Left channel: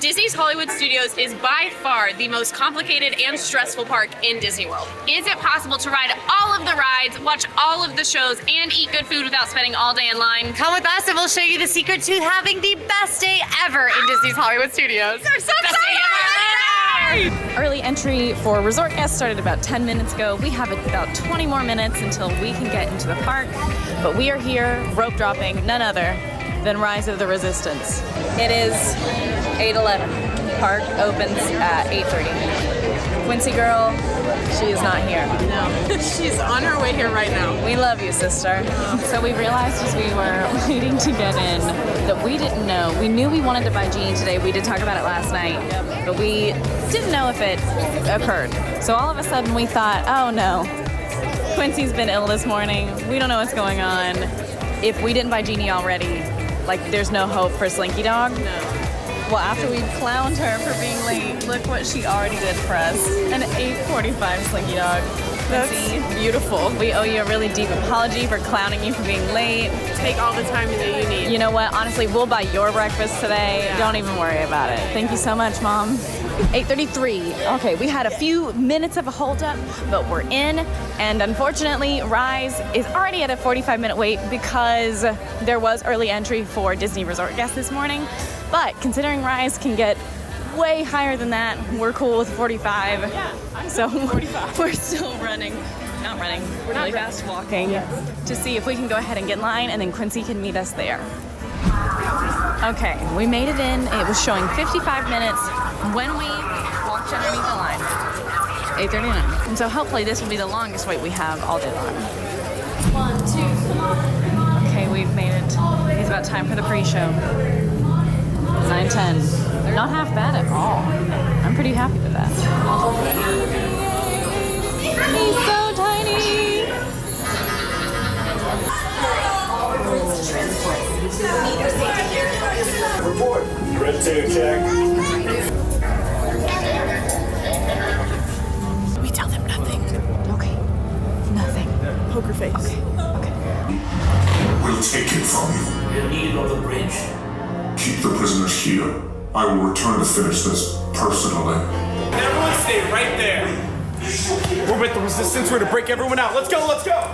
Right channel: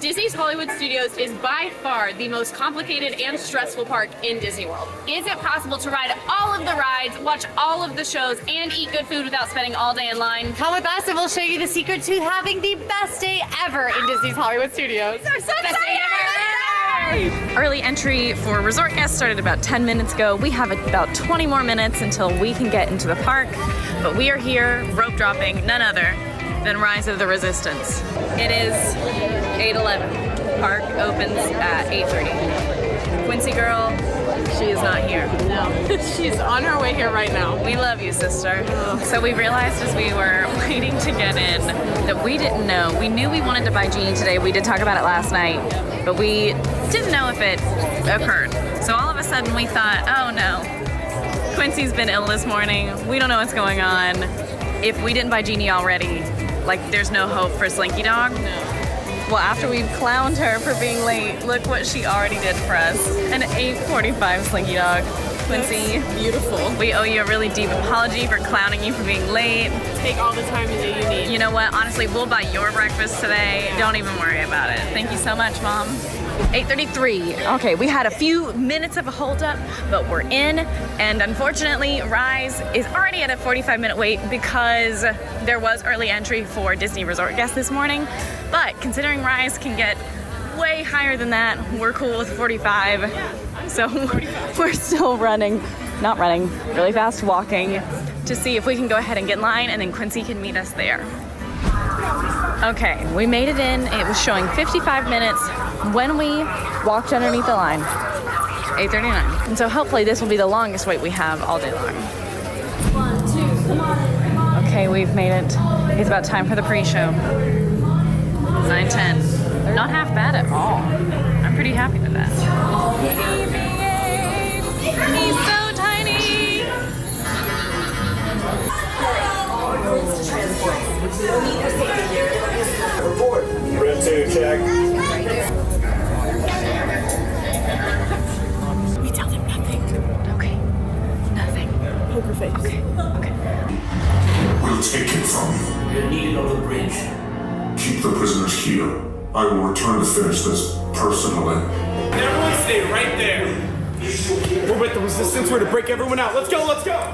Disney's Hollywood Studios is by far the most complicated and stressful park in Disney World. Is it possible to ride all of the rides, watch all of the shows, and eat good food without spending all day in line? Come with us and we'll show you the secret to having the best day ever in Disney's Hollywood Studios. We're so Best day ever! Early entry for resort guests started about 10 minutes ago. We have about 20 more minutes until we can get into the park, but we are here rope dropping none other than Rise of the Resistance. It is 8:11. Park opens at 8:30. Quincy girl, she is not here. No, she's on her way here right now. We love you, sister. So we realized as we were waiting to get in that we didn't know. We knew we wanted to buy Genie today. We did talk about it last night, but we didn't know if it occurred. So all of a sudden we thought, oh no, Quincy's been ill this morning. We don't know what's going on. If we didn't buy Genie already, like there's no hope for Slinky Dog. No. Well, after we clowned her for being late, look what she already did for us. An 8:45 Slinky Dog. Quincy, that's beautiful. We owe you a really deep apology for clowning you for being late. Take all the time that you need. You know what? Honestly, we'll buy your breakfast today. Yeah. Don't even worry about it. Thank you so much, Mom. 8:33. Okay, we had a few minutes of a holdup, but we're in. And unfortunately, Rise is already at a 45-minute wait because there was early entry for Disney Resort guests this morning. But considering Rise can get way higher than that, we're cool with 45. So we're still really fast walking to see if we can go ahead and get in line, and then Quincy can meet us there. Okay, we made it in. It was showing 55 minutes when we walked underneath the line. 8:39. And so hopefully this will be the longest wait we have all day long. 1, 2. Okay, we've made it. It's about time for the pre-show. 9:10. Not half bad at all. I'm pretty happy with that. He's so tiny. Report. Red 2, check. We tell them nothing. Okay. Nothing. Poker face. Okay. We'll take it from you. You're needed on the bridge. Keep the prisoners here. I will return to finish this personally. Everyone stay right there. We're with the resistance. We're to break everyone out. Let's go, let's go.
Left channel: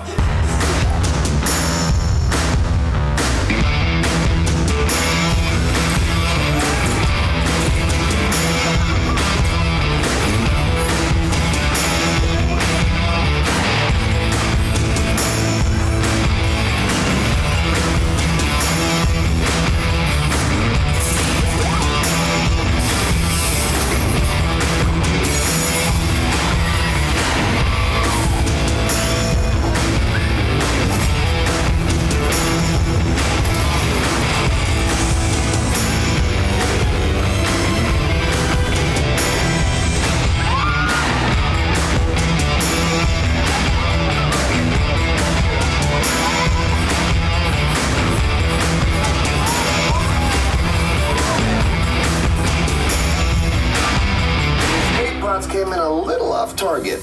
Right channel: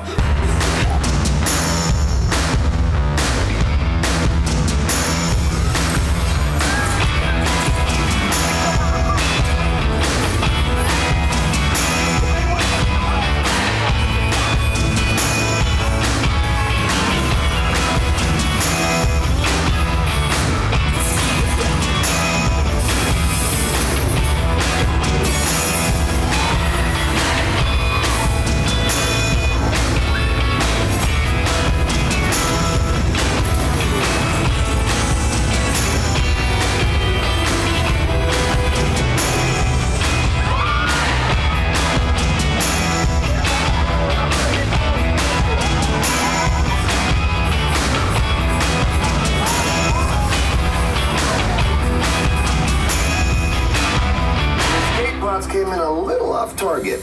Came in a little off target.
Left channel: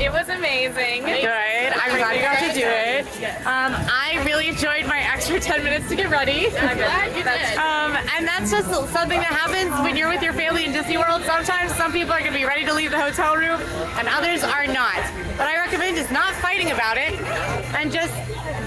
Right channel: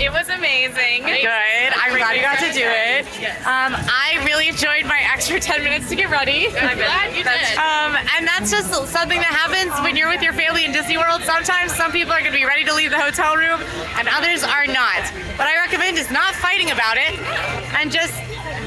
It was amazing. Good. I'm glad you got to do it. I really enjoyed my extra 10 minutes to get ready. I'm glad you did. And that's just something that happens when you're with your family in Disney World. Sometimes some people are going to be ready to leave the hotel room and others are not. What I recommend is not fighting about it and just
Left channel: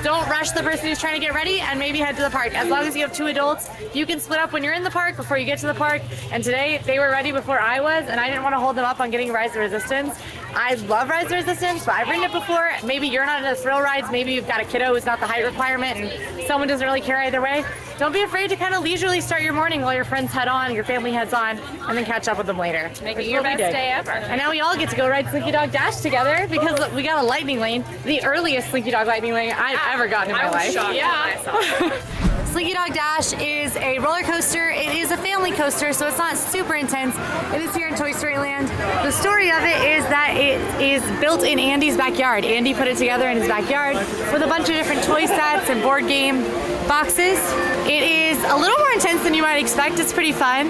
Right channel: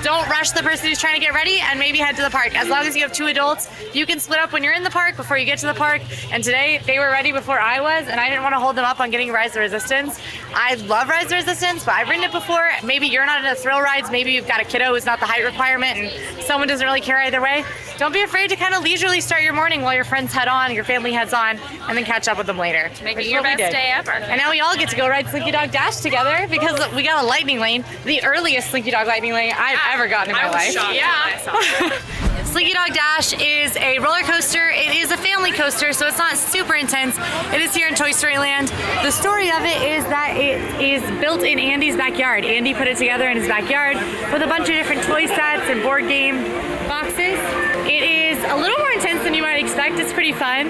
don't rush the person who's trying to get ready and maybe head to the park. As long as you have 2 adults, you can split up when you're in the park before you get to the park. And today they were ready before I was, and I didn't want to hold them up on getting Rise of the Resistance. I love Rise of the Resistance, but I've ridden it before. Maybe you're not into thrill rides. Maybe you've got a kiddo who's not the height requirement and someone doesn't really care either way. Don't be afraid to kind of leisurely start your morning while your friends head on, your family heads on, and then catch up with them later. Make it your best day ever. And now we all get to go ride Slinky Dog Dash together because we got a lightning lane, the earliest Slinky Dog lightning lane I've ever gotten in my life. I was shocked when I saw it. Slinky Dog Dash is a roller coaster. It is a family coaster, so it's not super intense. It is here in Toy Story Land. The story of it is that it is built in Andy's backyard. Andy put it together in his backyard with a bunch of different toy sets and board game boxes. It is a little more intense than you might expect. It's pretty fun,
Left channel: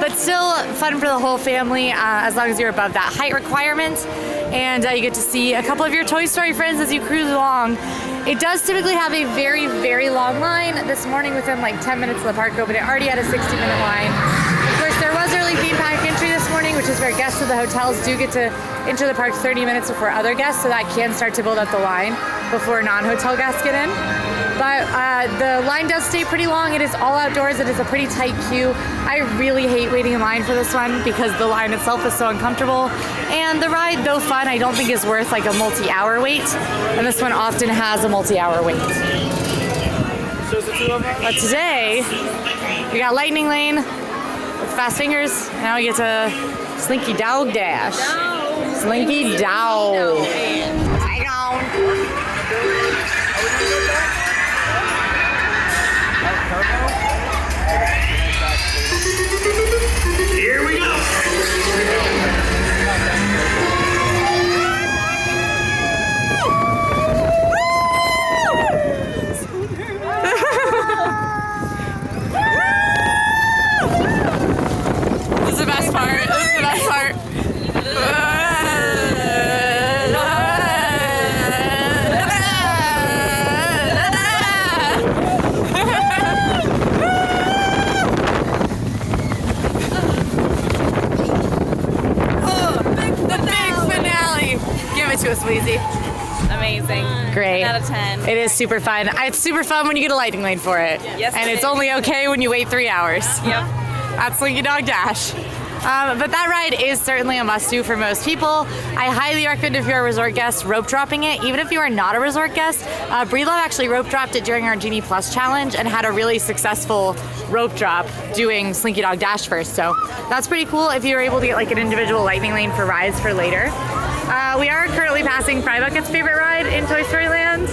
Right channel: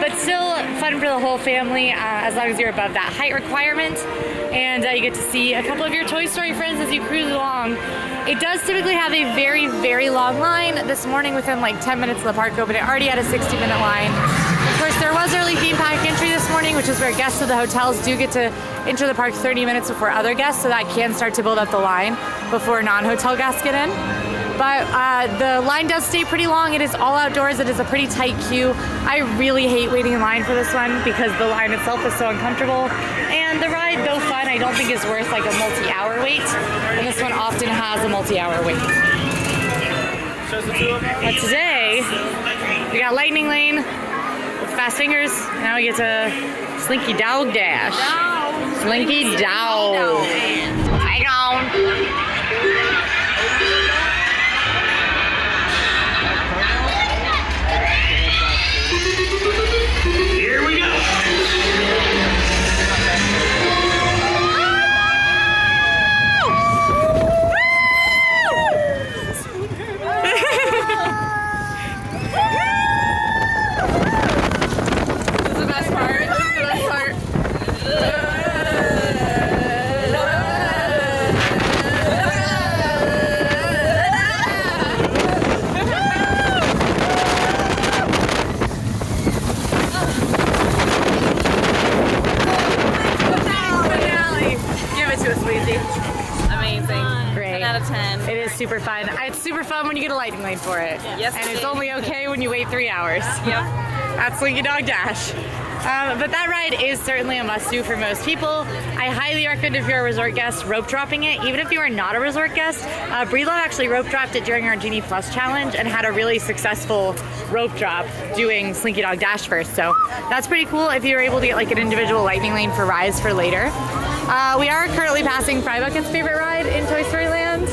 but still fun for the whole family as long as you're above that height requirement. And you get to see a couple of your Toy Story friends as you cruise along. It does typically have a very, very long line. This morning, within like 10 minutes of the park open, it already had a 60-minute line. course, there was early theme park entry this morning, which is where guests of the hotels do get to enter the park 30 minutes before other guests, so that can start to build up the line before non-hotel guests get in. But the line does stay pretty long. It is all outdoors. It is a pretty tight queue. I really hate waiting in line for this one because the line itself is so uncomfortable. And the ride, though fun, I don't think is worth like a multi-hour wait. And this one often has a multi-hour wait. But today, we got Lightning Lane with fast fingers. Now we get to Slinky Dog Dash. Slinky Dog. Hang on. Here we go. This is the best part. This is the best part. To us, Weezy. Amazing. Great. 10 out of 10. It is super fun. It's super fun when you get a lightning lane for it. Yes, and it it's is. only okay when you wait 3 hours. Yeah. That's Slinky Dog Dash. But that ride is certainly a must-do for most people. I highly recommend if you're a resort guest, rope dropping it. Even if you are not a resort guest, Breedlove actually rope dropped it during our Genie Plus challenge and had a really successful rope drop doing Slinky Dog Dash first. So that's pretty cool if you're able to get like an individual lightning lane for rides for later. We are currently passing Fry Bucket's favorite ride in Toy Story Land.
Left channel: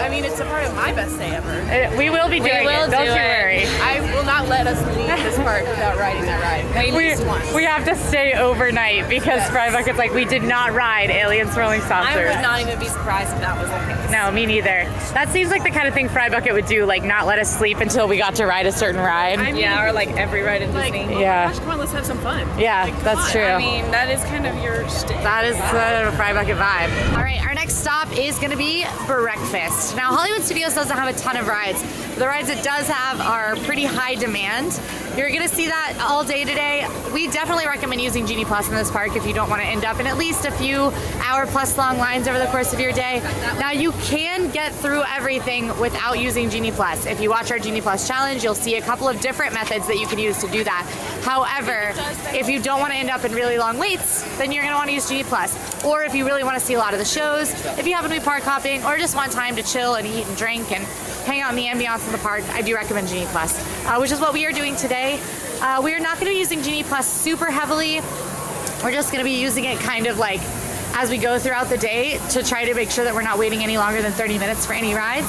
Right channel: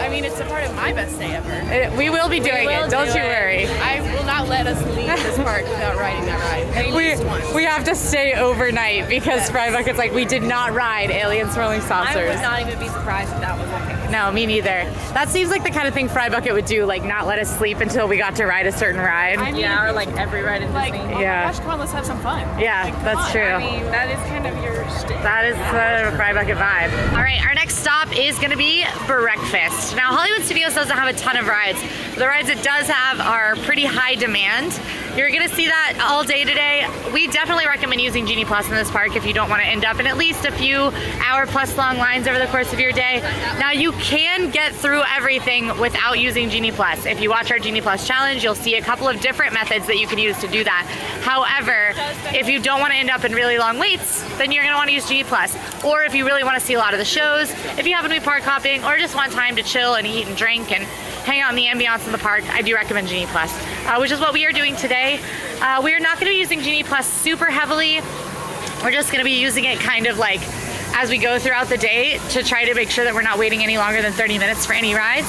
I mean, it's a part of my best day ever. We will be doing it, don't you worry. I will not let us leave this park without riding that ride. We have to stay overnight because Fry Bucket's like, we did not ride Alien Swirling Saucers. I would not even be surprised if that was the case. No, me neither. That seems like the kind of thing Fry Bucket would do, like not let us sleep until we got to ride a certain ride. I mean, Yeah, or like every ride in like, Disney. oh Yeah. my gosh, come on, let's have some fun. Yeah, Like, come that's on. true. I mean, that is kind of your shtick. That is the Fry Bucket vibe. All right, our next stop is gonna be breakfast. Now, Hollywood Studios doesn't have a ton of rides. The rides it does have are pretty high demand. You're gonna see that all day today. We definitely recommend using Genie Plus in this park if you don't wanna end up in at least a few hour plus long lines over the course of your day. Now, you can get through everything without using Genie Plus. If you watch our Genie Plus challenge, you'll see a couple of different methods that you can use to do that. However, if you don't wanna end up in really long waits, then you're gonna wanna use Genie Plus. Or if you really wanna see a lot of the shows, if you happen to be park hopping, or just want time to chill and eat and drink and hang out in the ambiance of the park, I do recommend Genie Plus, which is what we are doing today. We are not gonna be using Genie Plus super heavily. We're just gonna be using it kind of like as we go throughout the day to try to make sure that we're not waiting any longer than 30 minutes for any rides,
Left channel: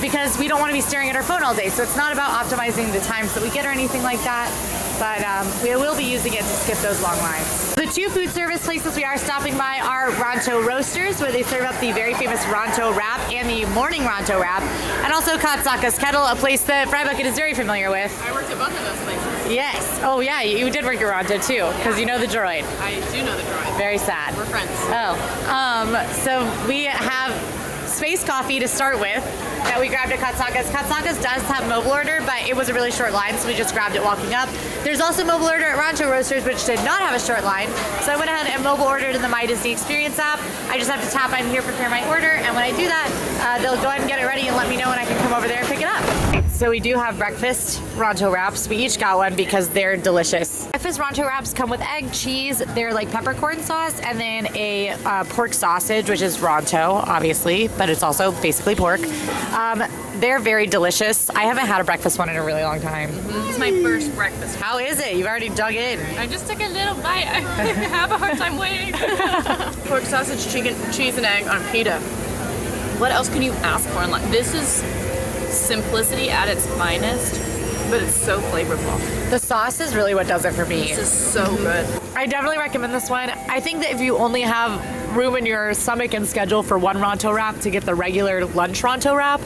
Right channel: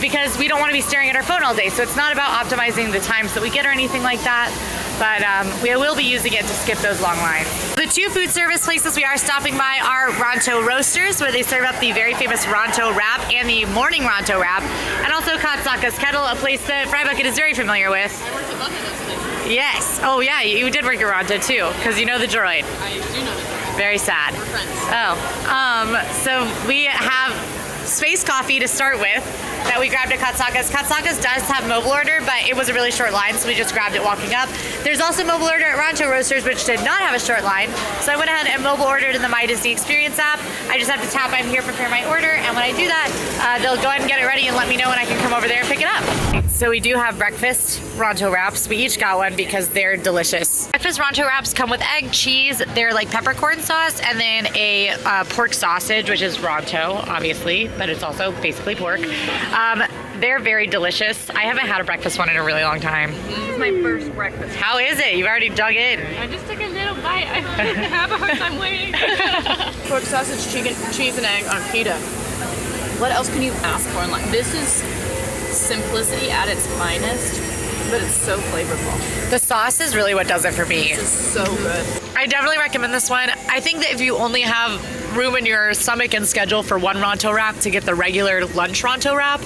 because we don't want to be staring at our phone all day. So it's not about optimizing the times that we get or anything like that, but we will be using it to skip those long lines. The two food service places we are stopping by are Ronto Roasters, where they serve up the very famous Ronto wrap and the morning Ronto wrap, and also Katsaka's Kettle, a place that Fry Bucket is very familiar with. I worked at both of those places. Yes. Oh yeah, you did work at Ronto too, because you know the droid. I do know the drawing. Very sad. We're friends. Oh, so we have Space Coffee to start with that we grabbed at Katsaka's. Katsaka's does have mobile order, but it was a really short line, so we just grabbed it walking up. There's also mobile order at Ronto Roasters, which did not have a short line, so I went ahead and mobile ordered in the My Disney Experience app. I just have to tap I'm here, prepare my order, and when I do that, they'll go ahead and get it ready and let me know when I can come over there and pick it up. So we do have breakfast Ronto wraps. We each got one because they're delicious. Breakfast Ronto wraps come with egg, cheese, they're like peppercorn sauce, and then a pork sausage, which is Ronto, obviously, but it's also basically pork. They're very delicious. I haven't had a breakfast one in a really long time. This is my first breakfast. How is it? You've already dug in. I just took a little bite. I have a hard time waiting. Pork sausage, chicken, cheese, and egg on pita. What else can you ask for in life? This is simplicity at its finest, but it's so flavorful. The sauce is really what does it for me. This is so good. I definitely recommend this one. I think that if you only have room in your stomach and schedule for one Ronto wrap, to get the regular lunch Ronto wrap.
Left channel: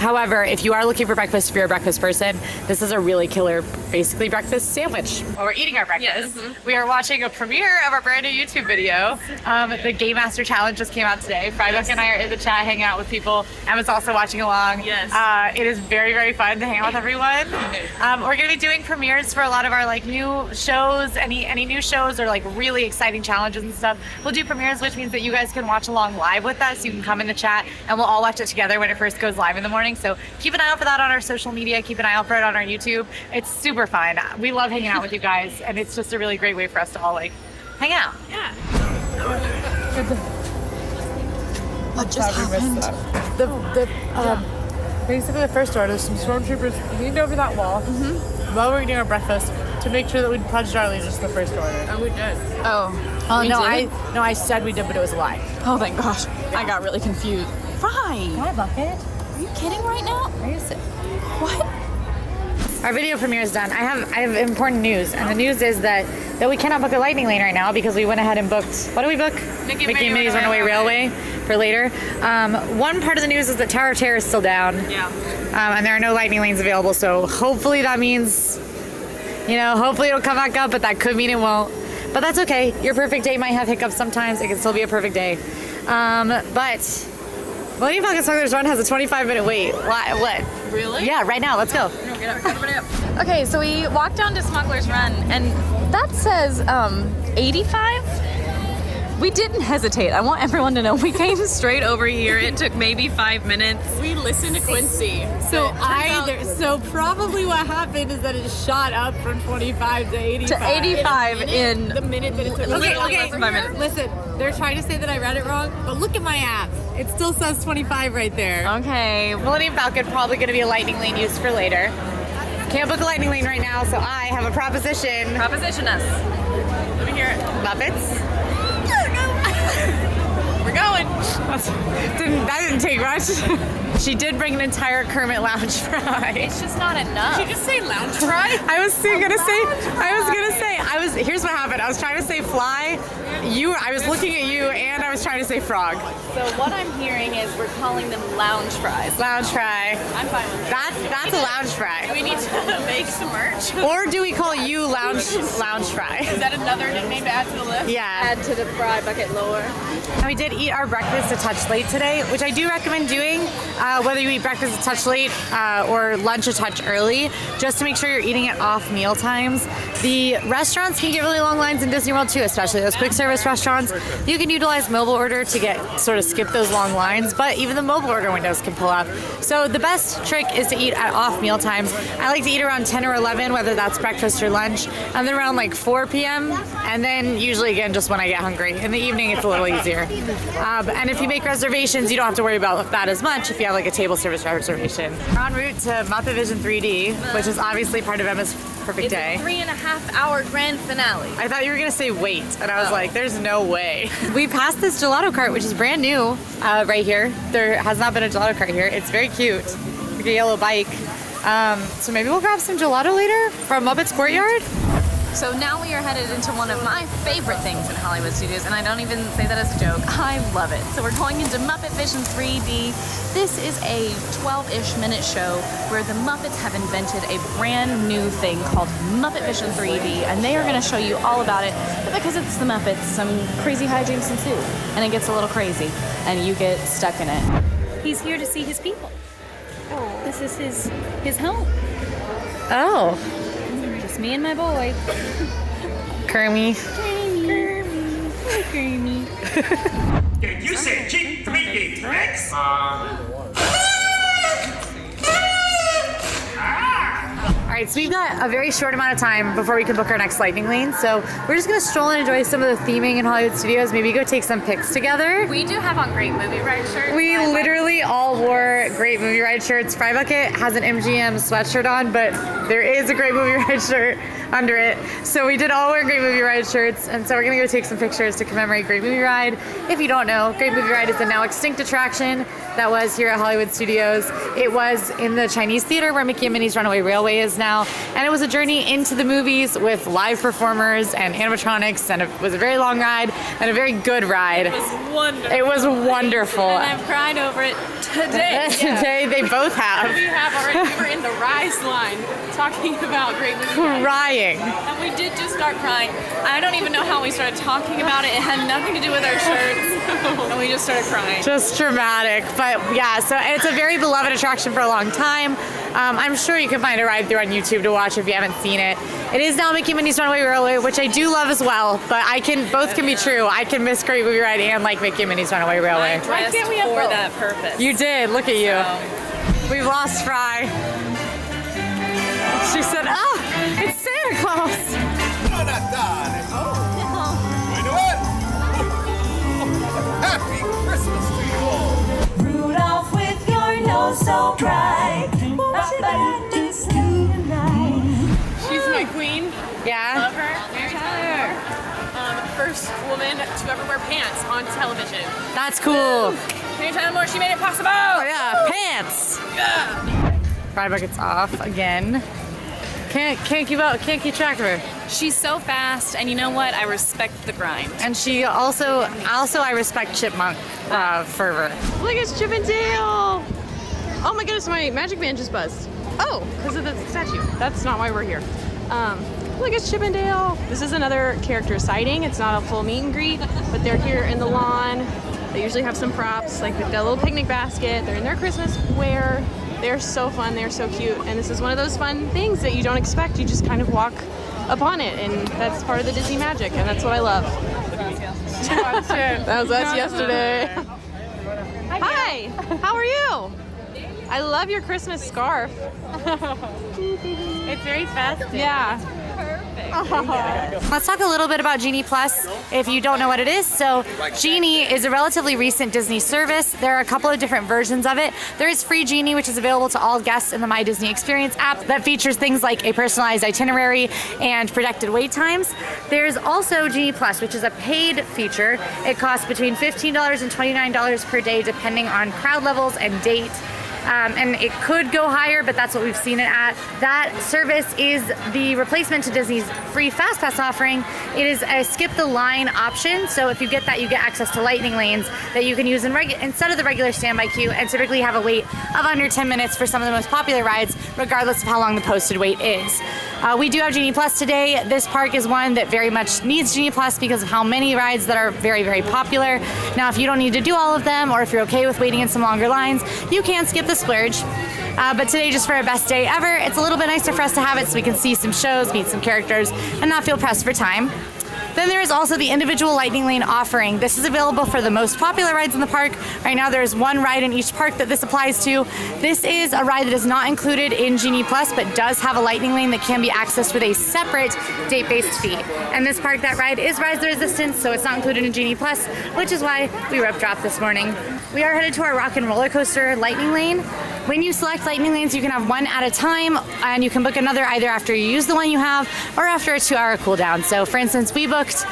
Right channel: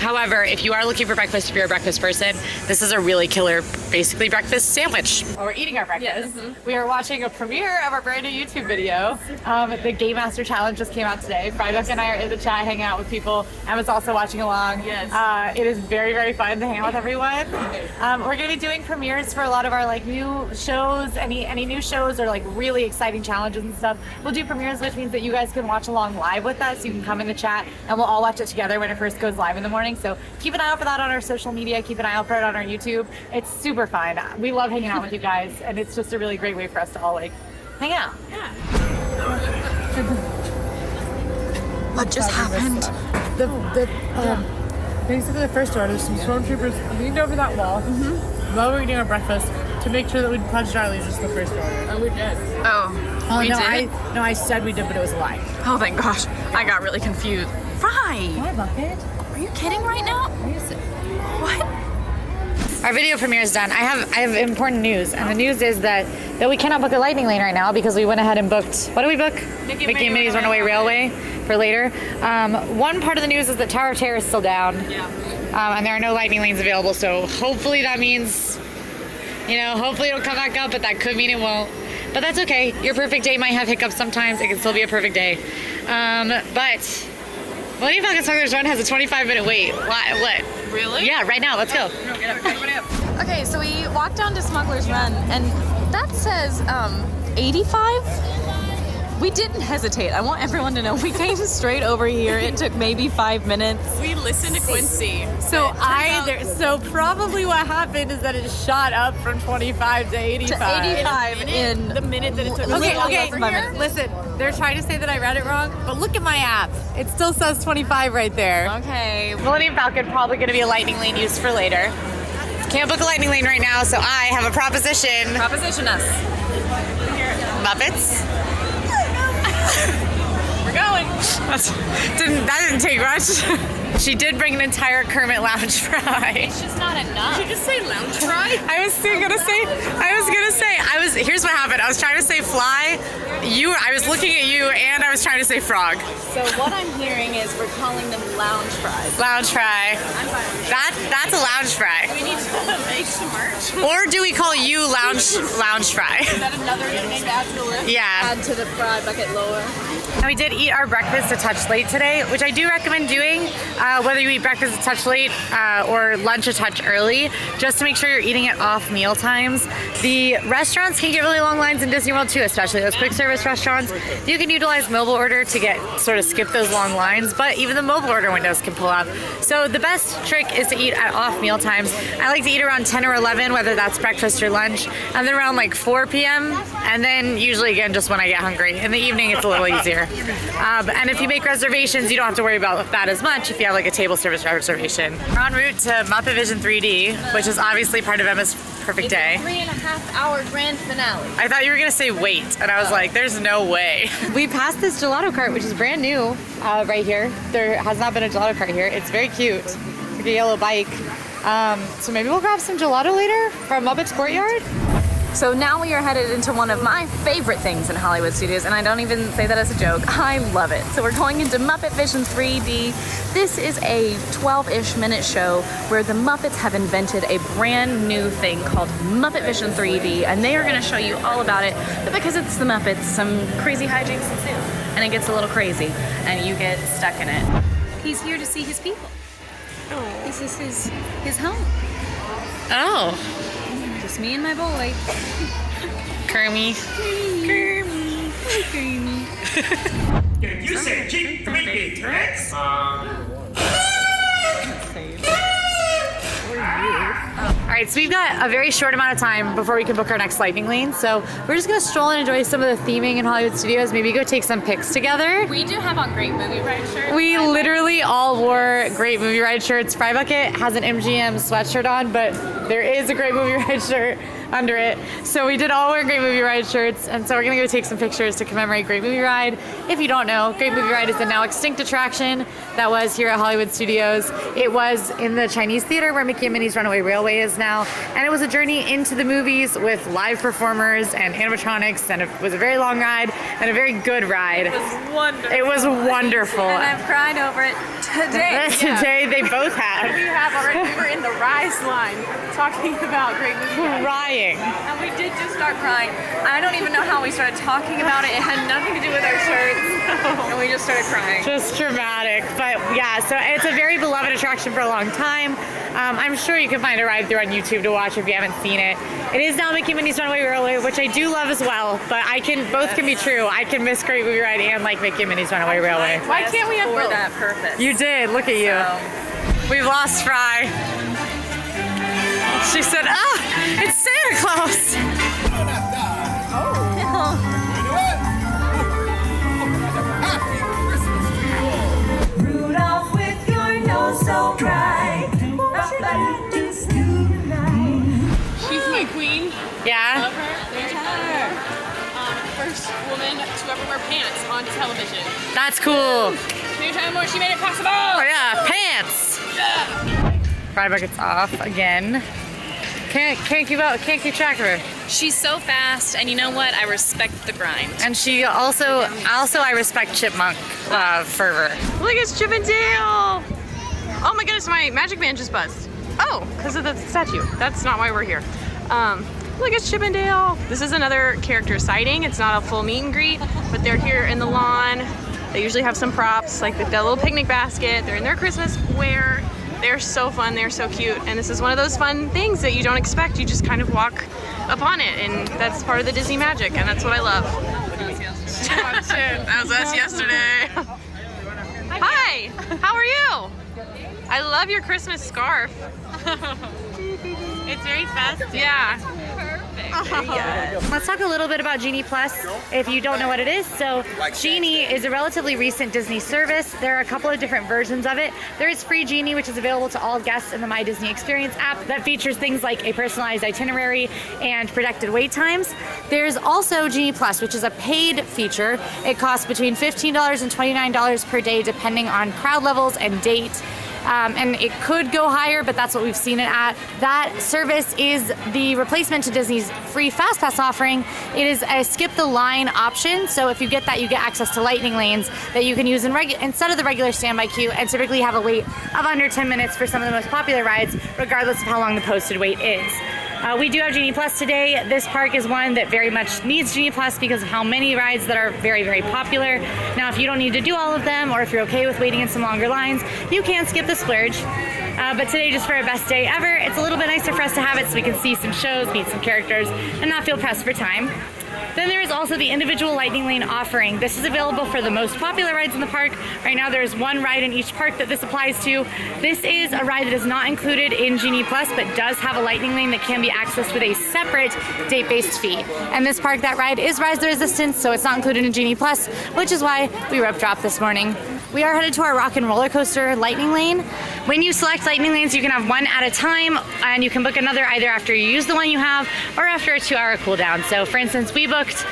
However, if you are looking for breakfast, if you're a breakfast person, this is a really killer basically breakfast sandwich. While we're eating our breakfast, we are watching a premiere of our brand new YouTube video. The Game Master Challenge just came out today. Frybuck and I are in the chat hanging out with people. Emma's also watching along. Yes. It is very, very fun to hang out with everyone. We're going to be doing premieres for a lot of our like new shows, any new shows or like really exciting challenges and stuff. We'll do premieres, which means that you guys can watch along live with us. You can come in the chat and we'll all watch it together when it first goes live in the morning. So keep an eye out for that on our social media. Keep an eye out for it on our YouTube. It's super fun. We love hanging out with you guys, and it's just a really great way for us to all like hang out. Yeah. What just happened? Basically the first order, some stormtroopers leaned over that wall while we were eating our breakfast to make sure that we'd pledged our allegiance to the first order. Oh, we did. Oh. Oh no, I said we did, but it was a lie. Oh, thank gosh. I got really confused. Fry! Why, Bucket? Are you kidding right now? What? Our video premiere is done. I have important news, and the news is that we cannot book a lightning lane right now because we went ahead and booked. What did we book? Mickey and Minnie's Runaway Railway for later. One part of the news is that Tower of Terror is still down. Yeah. And there are no lightning lanes available. So hopefully that means, hopefully it'll come back up, but that could mean it won't. But that's okay. Your perfect day might have hiccups sometimes. It can still be a perfect day. But Millennium Falcon Smugglers Run has a 25-minute wait. What? Really? Yeah, right now. Let's go. Okay, so we walked down to Smuggler's Run, and that says 85. We didn't hesitate. I want everyone to know we came straight over here. It took maybe 5 minutes. We listened to Quincy. So probably what happened is that it shot up from 25 to 85. To 85 in The minute that it took. Okay, listen, they're trying to say that I read it wrong, but look at my app. It still says 25 right there. Okay. Millennium Falcon probably going to be a lightning lane used for later. Can't book a lightning lane right now, so I have a proposition. Proposition us. Muppets. You're going. That didn't take much. She did bring an entire Kermit lounge fry. She's not enough. Did you just say lounge fry? I was here's what happened. I was trying to say fly. I was looking at you and I was trying to say frog. So what I'm hearing is we're calling them lounge fries. Lounge fry. I'm fine with that. That's a lounge fry. We need to make some merch. Or do we call you lounge fry? Is that another nickname to add to the list? Yeah. Add to the fry bucket lower. And we did eat our breakfast a touch late today, which I do recommend doing, whether you eat breakfast a touch late or lunch a touch early, just to make sure you're eating it off meal times. The restaurants can get really long lines in Disney World too, especially those quick service restaurants. You can utilize mobile order to skip those long lines, but even the mobile order windows can pull up. So the best trick is to eat at off meal times. I like to eat around 10 or 11, whether that's breakfast or lunch, and then around like 4 p.m. and then usually again just when I get hungry. In the evening it's a little easier. And if you make reservations, you don't have to worry about that as much if you have like a table service reservation. We're en route to Muppet Vision 3D, which is obviously part of Emma's perfect day. 3.5-hour grand finale. I thought you were gonna say wait, and I was like, there's no way. We passed this gelato cart, which is brand new right here. There has not been a gelato cart here. It's very cute, like a yellow bike. So maybe we'll grab some gelato later from Muppet's Courtyard. So now we are headed into one of my favorite things in Hollywood Studios, and I don't even say that as a joke. I love it. So we're going into Muppet Vision 3D. This is a 12-ish minute show where the Muppets have invented a brand new thing called Muppet Vision 3D, and they are going to show you all about it. But because it's the Muppets, some crazy hijinks ensue, and it gets a little crazy, and you get stuck in it. He's here to see his people. This is his home. Oh. Just me and my boy. Kermie. Did you say cheap 3D tricks? All right, so we've got a very short amount of time before we can book our next lightning lane. So we're just gonna stroll and enjoy some of the theming in Hollywood Studios. Maybe go take some pics together. We do have on great movie ride shirts. We literally all wore great movie ride shirts. Fry Bucket has an MGM sweatshirt on, but there is a great movie ride shirt under it. So we did all wear great movie ride shirts, and so we're gonna go take some pictures to commemorate Great Movie Ride. If you don't know, Great Movie Ride is a now extinct attraction that was here at Hollywood Studios. It was in the Chinese theater where Mickey and Minnie's Runaway Railway is now, and it was a journey into the movies with live performers and animatronics, and it was a very long ride and a very good ride. It was wonderful. And I've cried over it today. Today they both have. We have already. We were in the Rise line talking about great movies. Crying. And we did just start crying. I don't even know how we started talking about it. It had nothing to do with our shirts. And we just started crying. Just dramatic. But yeah, so it's a very beloved attraction for a long time. I'm sure you can find a ride through on YouTube to watch if you haven't seen it. It is now Mickey and Minnie's Runaway Railway, which I do love as well, but both can be true. I can miss Great Movie Ride and like Mickey and Minnie's Runaway Railway. Why can't we have for that purpose? You did, look at you. We've lost Fry. She said, it's Santa Claus. Happy Christmas to you all. Rudolph with your nose so dry. She's my queen. Yeah? Love her. First woman to ever wear pants on television. That's cool. Can you tell me more? She made it possible. Oh yeah, pants. Fry bucket's off again. Can't keep up. Can't keep track of her. She's so fast, and you know what? I respect the grind. And she also I respect chipmunk fervor. Look, it's Chip and Dale. Oh my goodness, my magic band just buzzed. Oh, because of the statue. That's not why we're here. Look, it's Chip and Dale. This is another character sighting. It's not a full meet and greet, but they're here in the lawn. They usually have some props, like they've got a little picnic basket. They're in their Christmas wear. They're so fun, they're so cute. And this is one of those fun things that you don't expect. You just kind of walk upon it, and that's part of the Disney magic, and that's what I love. That was us yesterday. Hi, how are you? I love your Christmas scarf. It's very festive. Yeah. Yes. Let's talk a little bit about Genie Plus if you don't know what it is. So Genie is a relatively recent Disney service. There are a couple of different versions of it. There is free Genie, which is available to all guests in the My Disney Experience app that features things like a personalized itinerary and predicted wait times. There's also Genie Plus, which is a paid feature. It costs between $15 and $29 per day depending on crowd levels and date. And it could go higher, but that's what we've seen it at. That service is the replacement to Disney's free FastPass offering. It is a skip the line option, so if you get that, you get access to lightning lanes that you can use instead of the regular standby queue, and typically have a wait of under 10 minutes for some of the most popular rides, regardless of how long the posted wait is. We do have Genie Plus today. This park is one that very much needs Genie Plus because of how many rides that are very, very popular. Now, if you don't need to do all of them, or if you're okay with waiting in some longer lines, you can skip the splurge. But today, just for our best day ever, it's a little bit nicer for us to have it so we can see some shows, meet some characters, and not feel pressed for time. Then there is also the individual lightning lane offering. This is available for the most popular rides in the park. Right now there's one ride in each park that this applies to. This is a ride that is not included in Genie Plus, but does have a lightning lane that can be accessed with a separate date-based fee. And this park, that ride is Rise the Resistance, so it's not included in Genie Plus, which is why we rope dropped this morning. We are headed to our Rock and Roller Coaster lightning lane. When you select lightning lanes, you can have one at a time, and you can book another either after you use the one you have or after a 2-hour cooldown. So for instance, we booked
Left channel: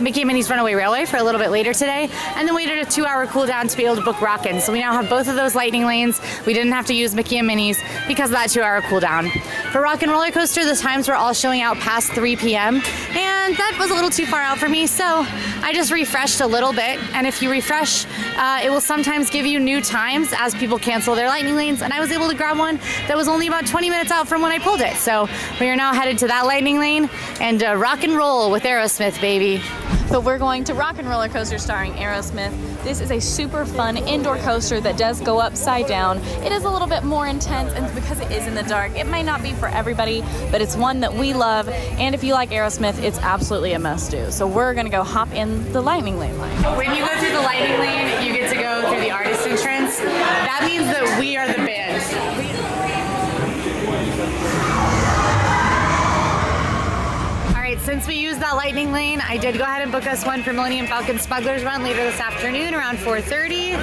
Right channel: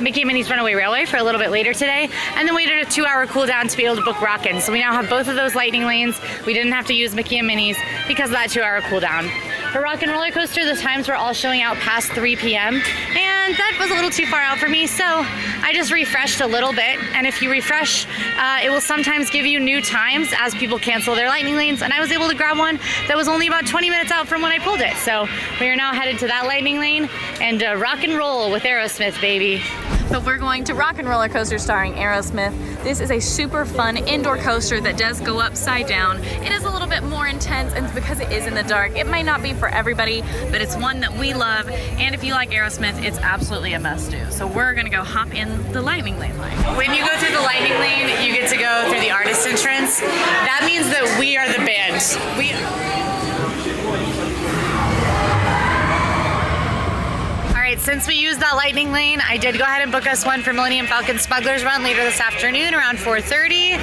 Mickey and Minnie's Runaway Railway for a little bit later today, and then waited a 2-hour cooldown to be able to book Rockin'. So we now have both of those lightning lanes. We didn't have to use Mickey and Minnie's because of that 2-hour cooldown. For Rock and Roller Coaster, the times were all showing out past 3 p.m. and that was a little too far out for me, so I just refreshed a little bit. And if you refresh, it will sometimes give you new times as people cancel their lightning lanes, and I was able to grab one that was only about 20 minutes out from when I pulled it. So we are now headed to that lightning lane and rock and roll with Aerosmith, baby. So we're going to Rock and Roller Coaster starring Aerosmith. This is a super fun indoor coaster that does go upside down. It is a little bit more intense, and because it is in the dark, it might not be for everybody, but it's one that we love. And if you like Aerosmith, it's absolutely a must-do. So we're gonna go hop in the lightning lane. When you go through the lightning lane, you get to go through the artist entrance. That means that we are the band. Since we used that lightning lane, I did go ahead and book us one for Millennium Falcon Smuggler's Run later this afternoon around 4:30.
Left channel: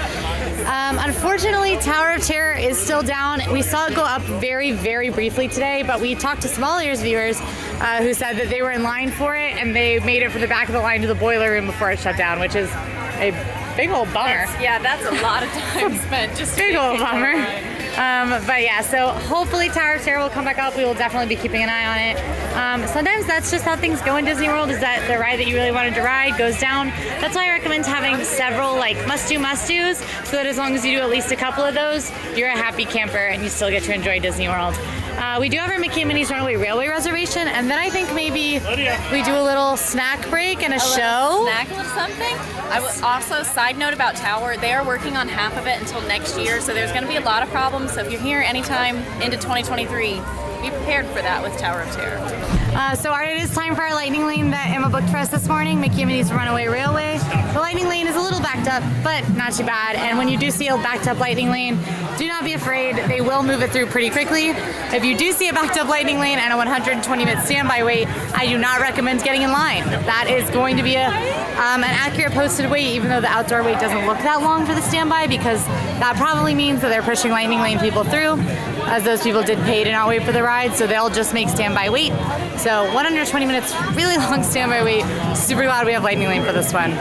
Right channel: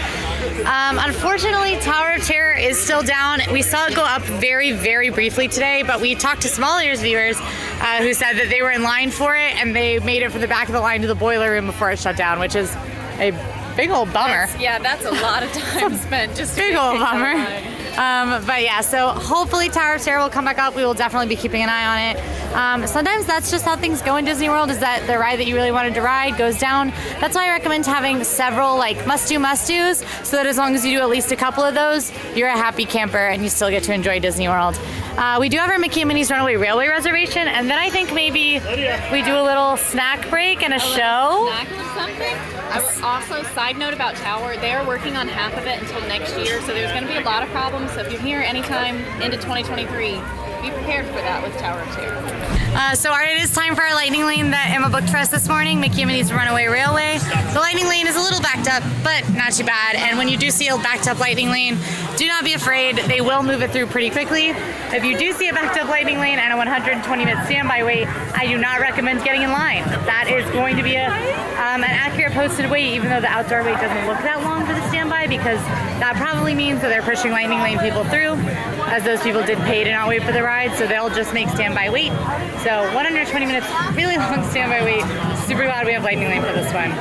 Unfortunately, Tower of Terror is still down. We saw it go up very, very briefly today, but we talked to Small Ears viewers who said that they were in line for it, and they made it from the back of the line to the boiler room before it shut down, which is a big old bummer. That's a lot of time spent just Big old bummer. But yeah, so hopefully Tower of Terror will come back up. We will definitely be keeping an eye on it. Sometimes that's just how things go in Disney World, is that the ride that you really wanted to ride goes down. That's why I recommend having several like must-do-must-dos, so that as long as you do at least a couple of those, you're a happy camper and you still get to enjoy Disney World. We do have our Mickey and Minnie's Runaway Railway reservation, and then I think maybe we do a little snack break and a show. Snack or something? Also, side note about Tower, they are working on half of it until next year, so there's going to be a lot of problems. So if you're here anytime into 2023, be prepared for that with Tower of Terror. So it is time for our lightning lane that Emma booked for us this morning, Mickey and Minnie's Runaway Railway. The lightning lane is a little backed up, but not too bad. And when you do see a backed up lightning lane, do not be afraid. They will move it through pretty quickly. If you do see a backed up lightning lane and a 120-minute standby wait, I do not recommend getting in line. That is going to be an accurate posted wait, even though the outdoor wait doesn't look that long for the standby, because that probably means that they're pushing lightning lane people through, as those people did pay to not wait for the ride, so they'll just make standby wait. So 120 minutes, really long standby wait. Super glad we have lightning lane for this one.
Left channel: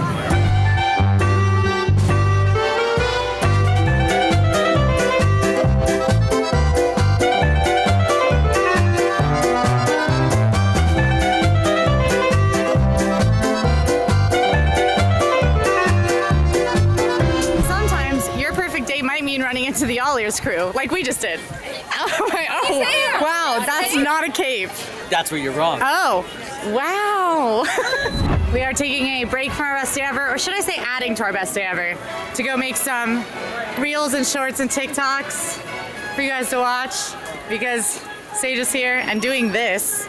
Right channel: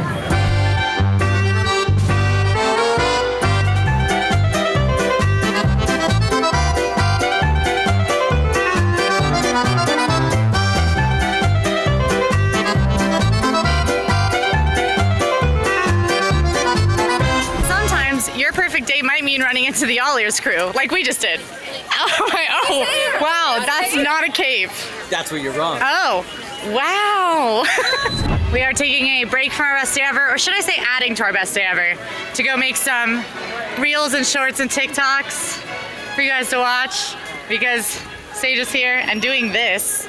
Sometimes your perfect date might mean running into the AllEars crew, like we just did. Oh, wow, that's not a cape. That's where you're wrong. Oh, wow. We are taking a break from our best day ever, or should I say adding to our best day ever, to go make some reels and shorts and TikToks for you guys to watch, because Sage is here and doing this.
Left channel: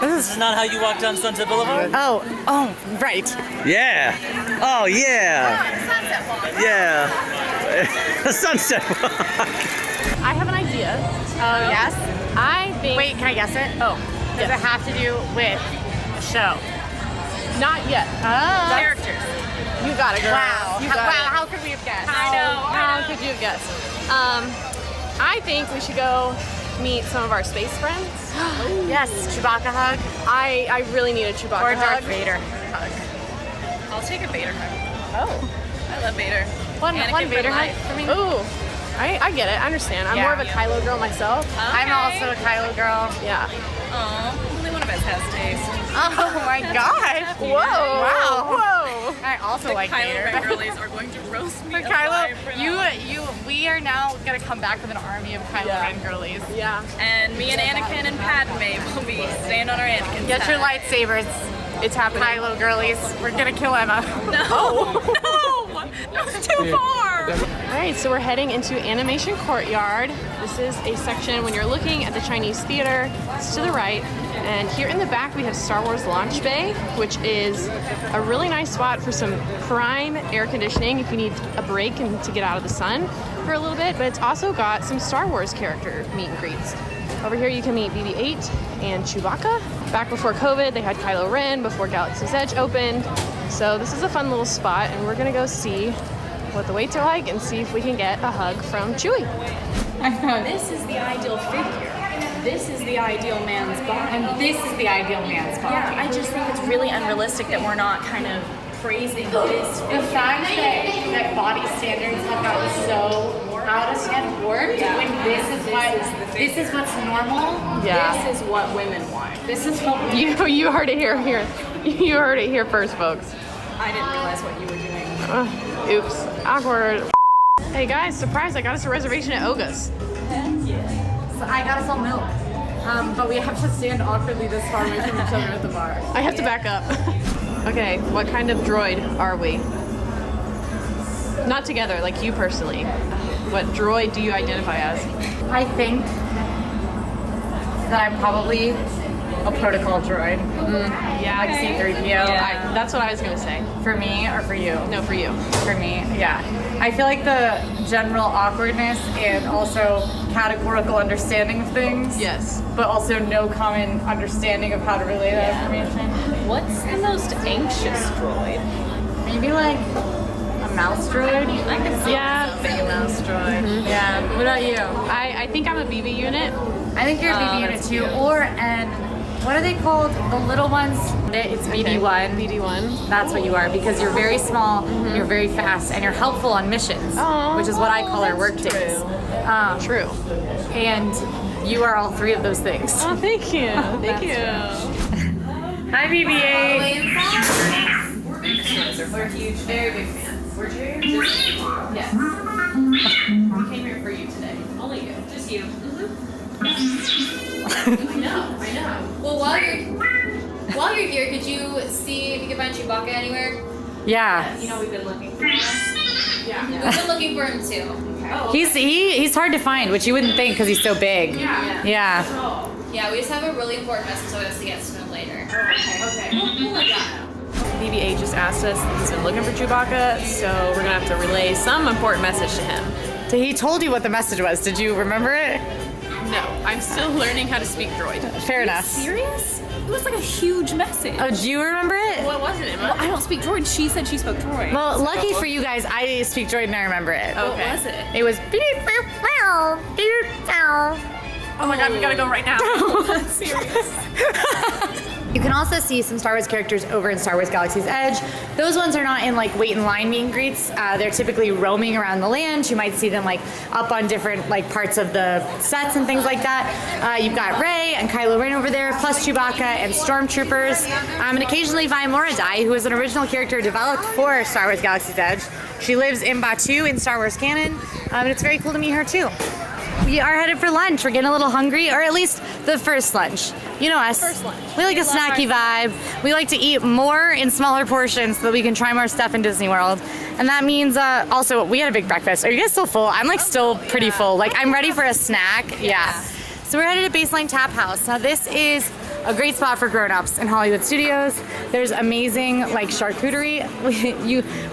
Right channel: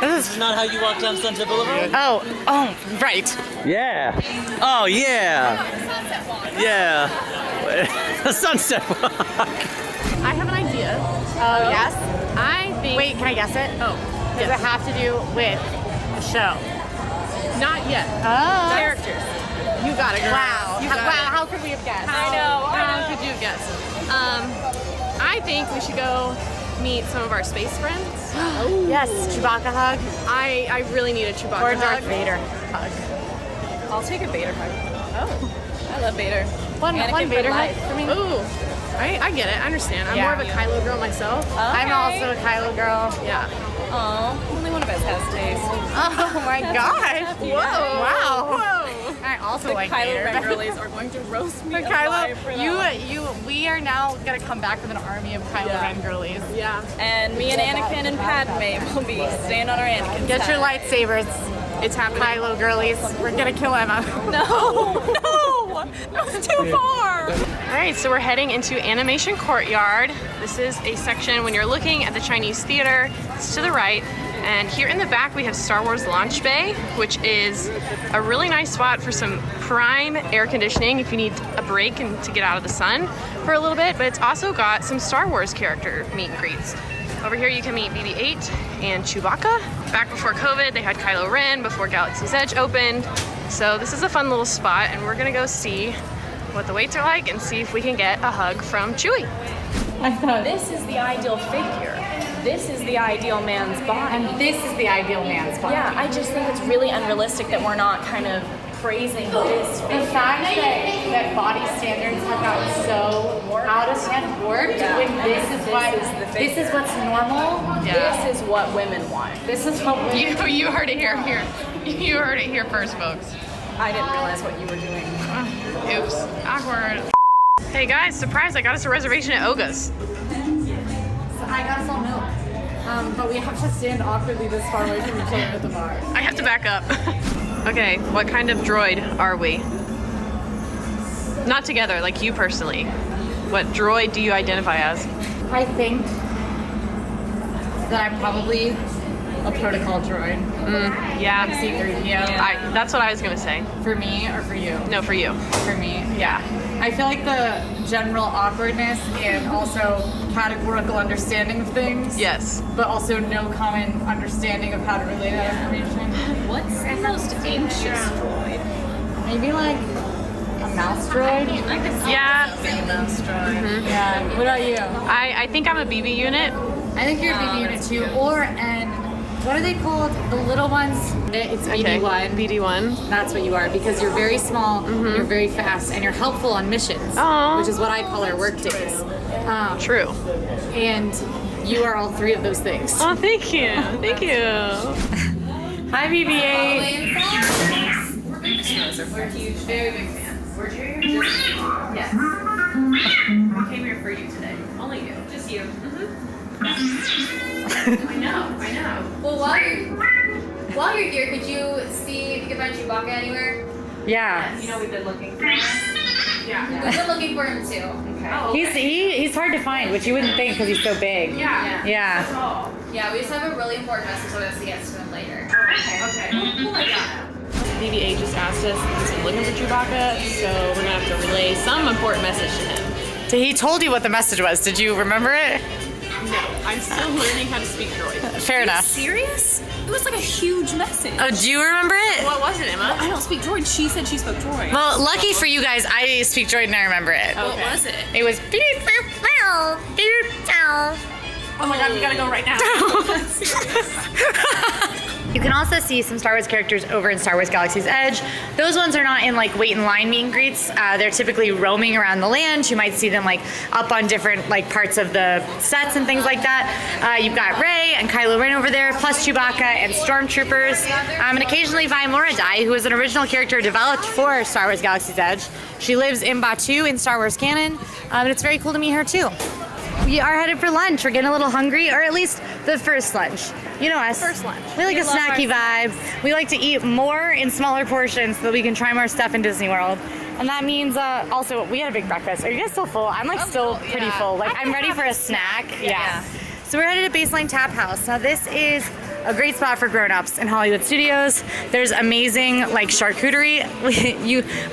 This is not how you walk down Sunset Boulevard? Oh, right. Yeah. Oh, yeah. Sunset walk. Yeah. A sunset walk. I have an idea. Oh, yes? I think. Wait, can I guess it? Oh, Does it have to do with a show? not yet. Oh. Characters. You got it, girl. Wow. You got it. How could we have guessed? How could you have guessed? I think we should go meet some of our space friends. Yes, Chewbacca hug. I really need a Chewbacca Or hug. Darth Vader hug. I'll take a Vader hug. Oh, I love Vader. One Vader hug for me. Ooh, I get it. I understand. I'm more of a Kylo girl myself. Okay. I'm also a Kylo girl. Yeah. Aw, only one of us has taste. Oh my gosh. Whoa. Wow. Whoa. I also The like Kylo Vader. Ren girlies are going to roast me. But Kylo, we are now gonna come back with an army of Kylo Ren girlies. Yeah. And me and Anakin and Padme will be staying on our Anakin. Get your side. lightsabers, It's happening. Kylo girlies. We're gonna kill Emma. No, that's too far. All right, so we're heading into Animation Courtyard. This is a section when you're looking at the Chinese theater. It's to the right. And here in the back, we have Star Wars Launch Bay, which is a really nice spot for some prime air conditioning if you need a break and to get out of the sun for a little bit. But it's also got some Star Wars character meet and greets. Over here, you can meet BB-8 and Chewbacca. Back before COVID, they had Kylo Ren before Galaxy's Edge opened. So this is a fun little spot, and we're gonna go see what the waits are like and see if we can get a hug from Chewie. I thought, this is the ideal figure. This is the ideal man's body. And this is the ideal man's body. Yeah, I just think it's really unrealistic that we're not kind of praising this. The fact that body standards have gotten so out of hand warped when this is what's normal. This is what women want. This is what You heard it here. You heard it here first, folks. I didn't realize what you were doing. Oops, awkward. Hey guys, surprise! I got us a reservation at Oga's. I got us all milk. But we have to stand awkwardly this far away from each other at the bar. I have to back up. Okay, what kind of droid are we? Not together, like you personally. What droid do you identify as? I think that I'm probably a protocol droid. Yeah. Like C-3PO. That's what I was gonna say. For me or for you? No, for you. For me, yeah. I feel like the general awkwardness and also categorical understanding of things. Yes. But also no common understanding of how to relay that information. What's the most anxious droid? Maybe like a mouse droid? I can see Yeah. being a mouse droid. Yeah. What about you? I think I'm a BB unit. I think you're a BB unit too, or an what are they called? The little ones? It's BD1. BD1. That's what you are, because you're very small, you're very fast, and you're helpful on missions, which is what I call our work days. True. And you are all three of those things. Oh, thank you. Thank you. Hi, BB-8. We're huge, very big fans. We're yes. We came here for you today. Only you. Just you. I know. Well, while you're here, could you see if you can find Chewbacca anywhere? Yeah. You know we've been looking for him. Yeah. We've been looking for him too. Okay. Oh, okay. He's hard to find, which you wouldn't think because he's so big. Yeah. Yeah, we just have a really important message for us to get to him later. Okay. We'll let y'all know. BB-8 just asked us if he's been looking for Chewbacca, so we're gonna have to relay some important message to him. He told you what the message was. Did you remember it? No, I'm still learning how to speak droid. Fair enough. Serious? It was like a huge message. Oh, do you remember it? What was it, Emma? Well, I don't speak droid. She said she spoke droid. Well, lucky for you guys, I speak droid and I remember it. What was it? It was beep, Oh my god, we gotta go right now. You can also see some Star Wars characters over in Star Wars Galaxy's Edge. Those ones are not in like wait in line meet and greets. They're typically roaming around the land. You might see them like up on different like parts of the sets and things like that. You've got Rey and Kylo Ren over there, plus Chewbacca and Stormtroopers, and occasionally Vi Moradai, who is an original character developed for Star Wars Galaxy's Edge. She lives in Batuu in Star Wars canon, and it's very cool to meet her too. We are headed for lunch. We're getting a little hungry, or at least the first lunch. You know us. First lunch. We like a snacky vibe. We like to eat more in smaller portions so that we can try more stuff in Disney World. And that means also we had a big breakfast. Are you guys still full? I'm like still pretty full. Like I'm ready for a snack. Yeah. So we're headed to Baseline Tap House. Now this is a great spot for grown-ups in Hollywood Studios. There's amazing like charcuterie.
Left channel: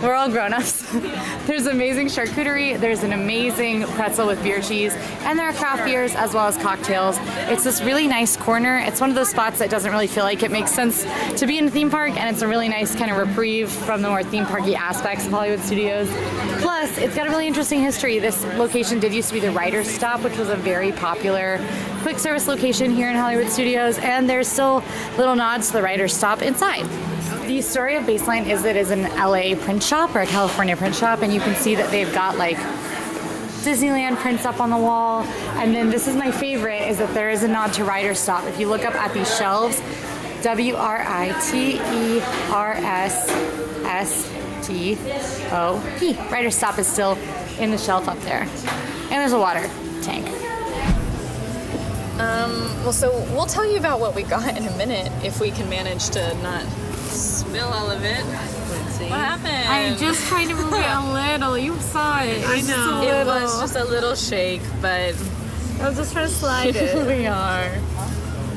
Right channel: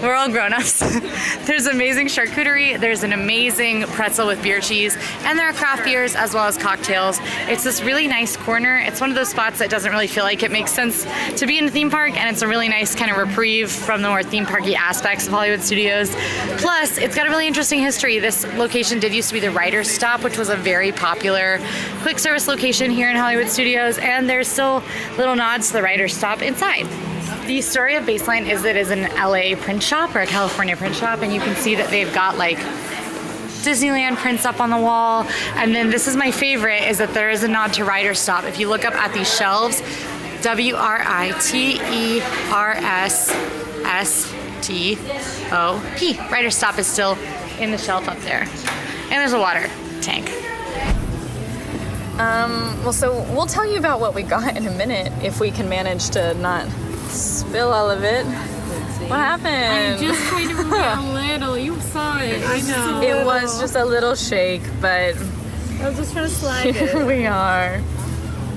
We're all grown-ups. There's amazing charcuterie. There's an amazing pretzel with beer cheese, and there are craft beers as well as cocktails. It's this really nice corner. It's one of those spots that doesn't really feel like it makes sense to be in a theme park, and it's a really nice kind of reprieve from the more theme parky aspects of Hollywood Studios. Plus, it's got a really interesting history. This location did used to be the Writer's Stop, which was a very popular quick service location here in Hollywood Studios, and there's still little nods to the Writer's Stop inside. The story of Baseline is that it is an LA print shop or a California print shop, and you can see that they've got like Disneyland prints up on the wall. And then this is my favorite, is that there is a nod to Writer's Stop. If you look up at these shelves, WRITERSSTOP. Writer's Stop is still in the shelf up there. And there's a water tank. Well, so we'll tell you about what we got in a minute if we can manage to not spill all of it. Let's see. What happened? I'm just trying to move it a little. You saw it. I know. It was just a little shake, but I was just trying to slide it. we are.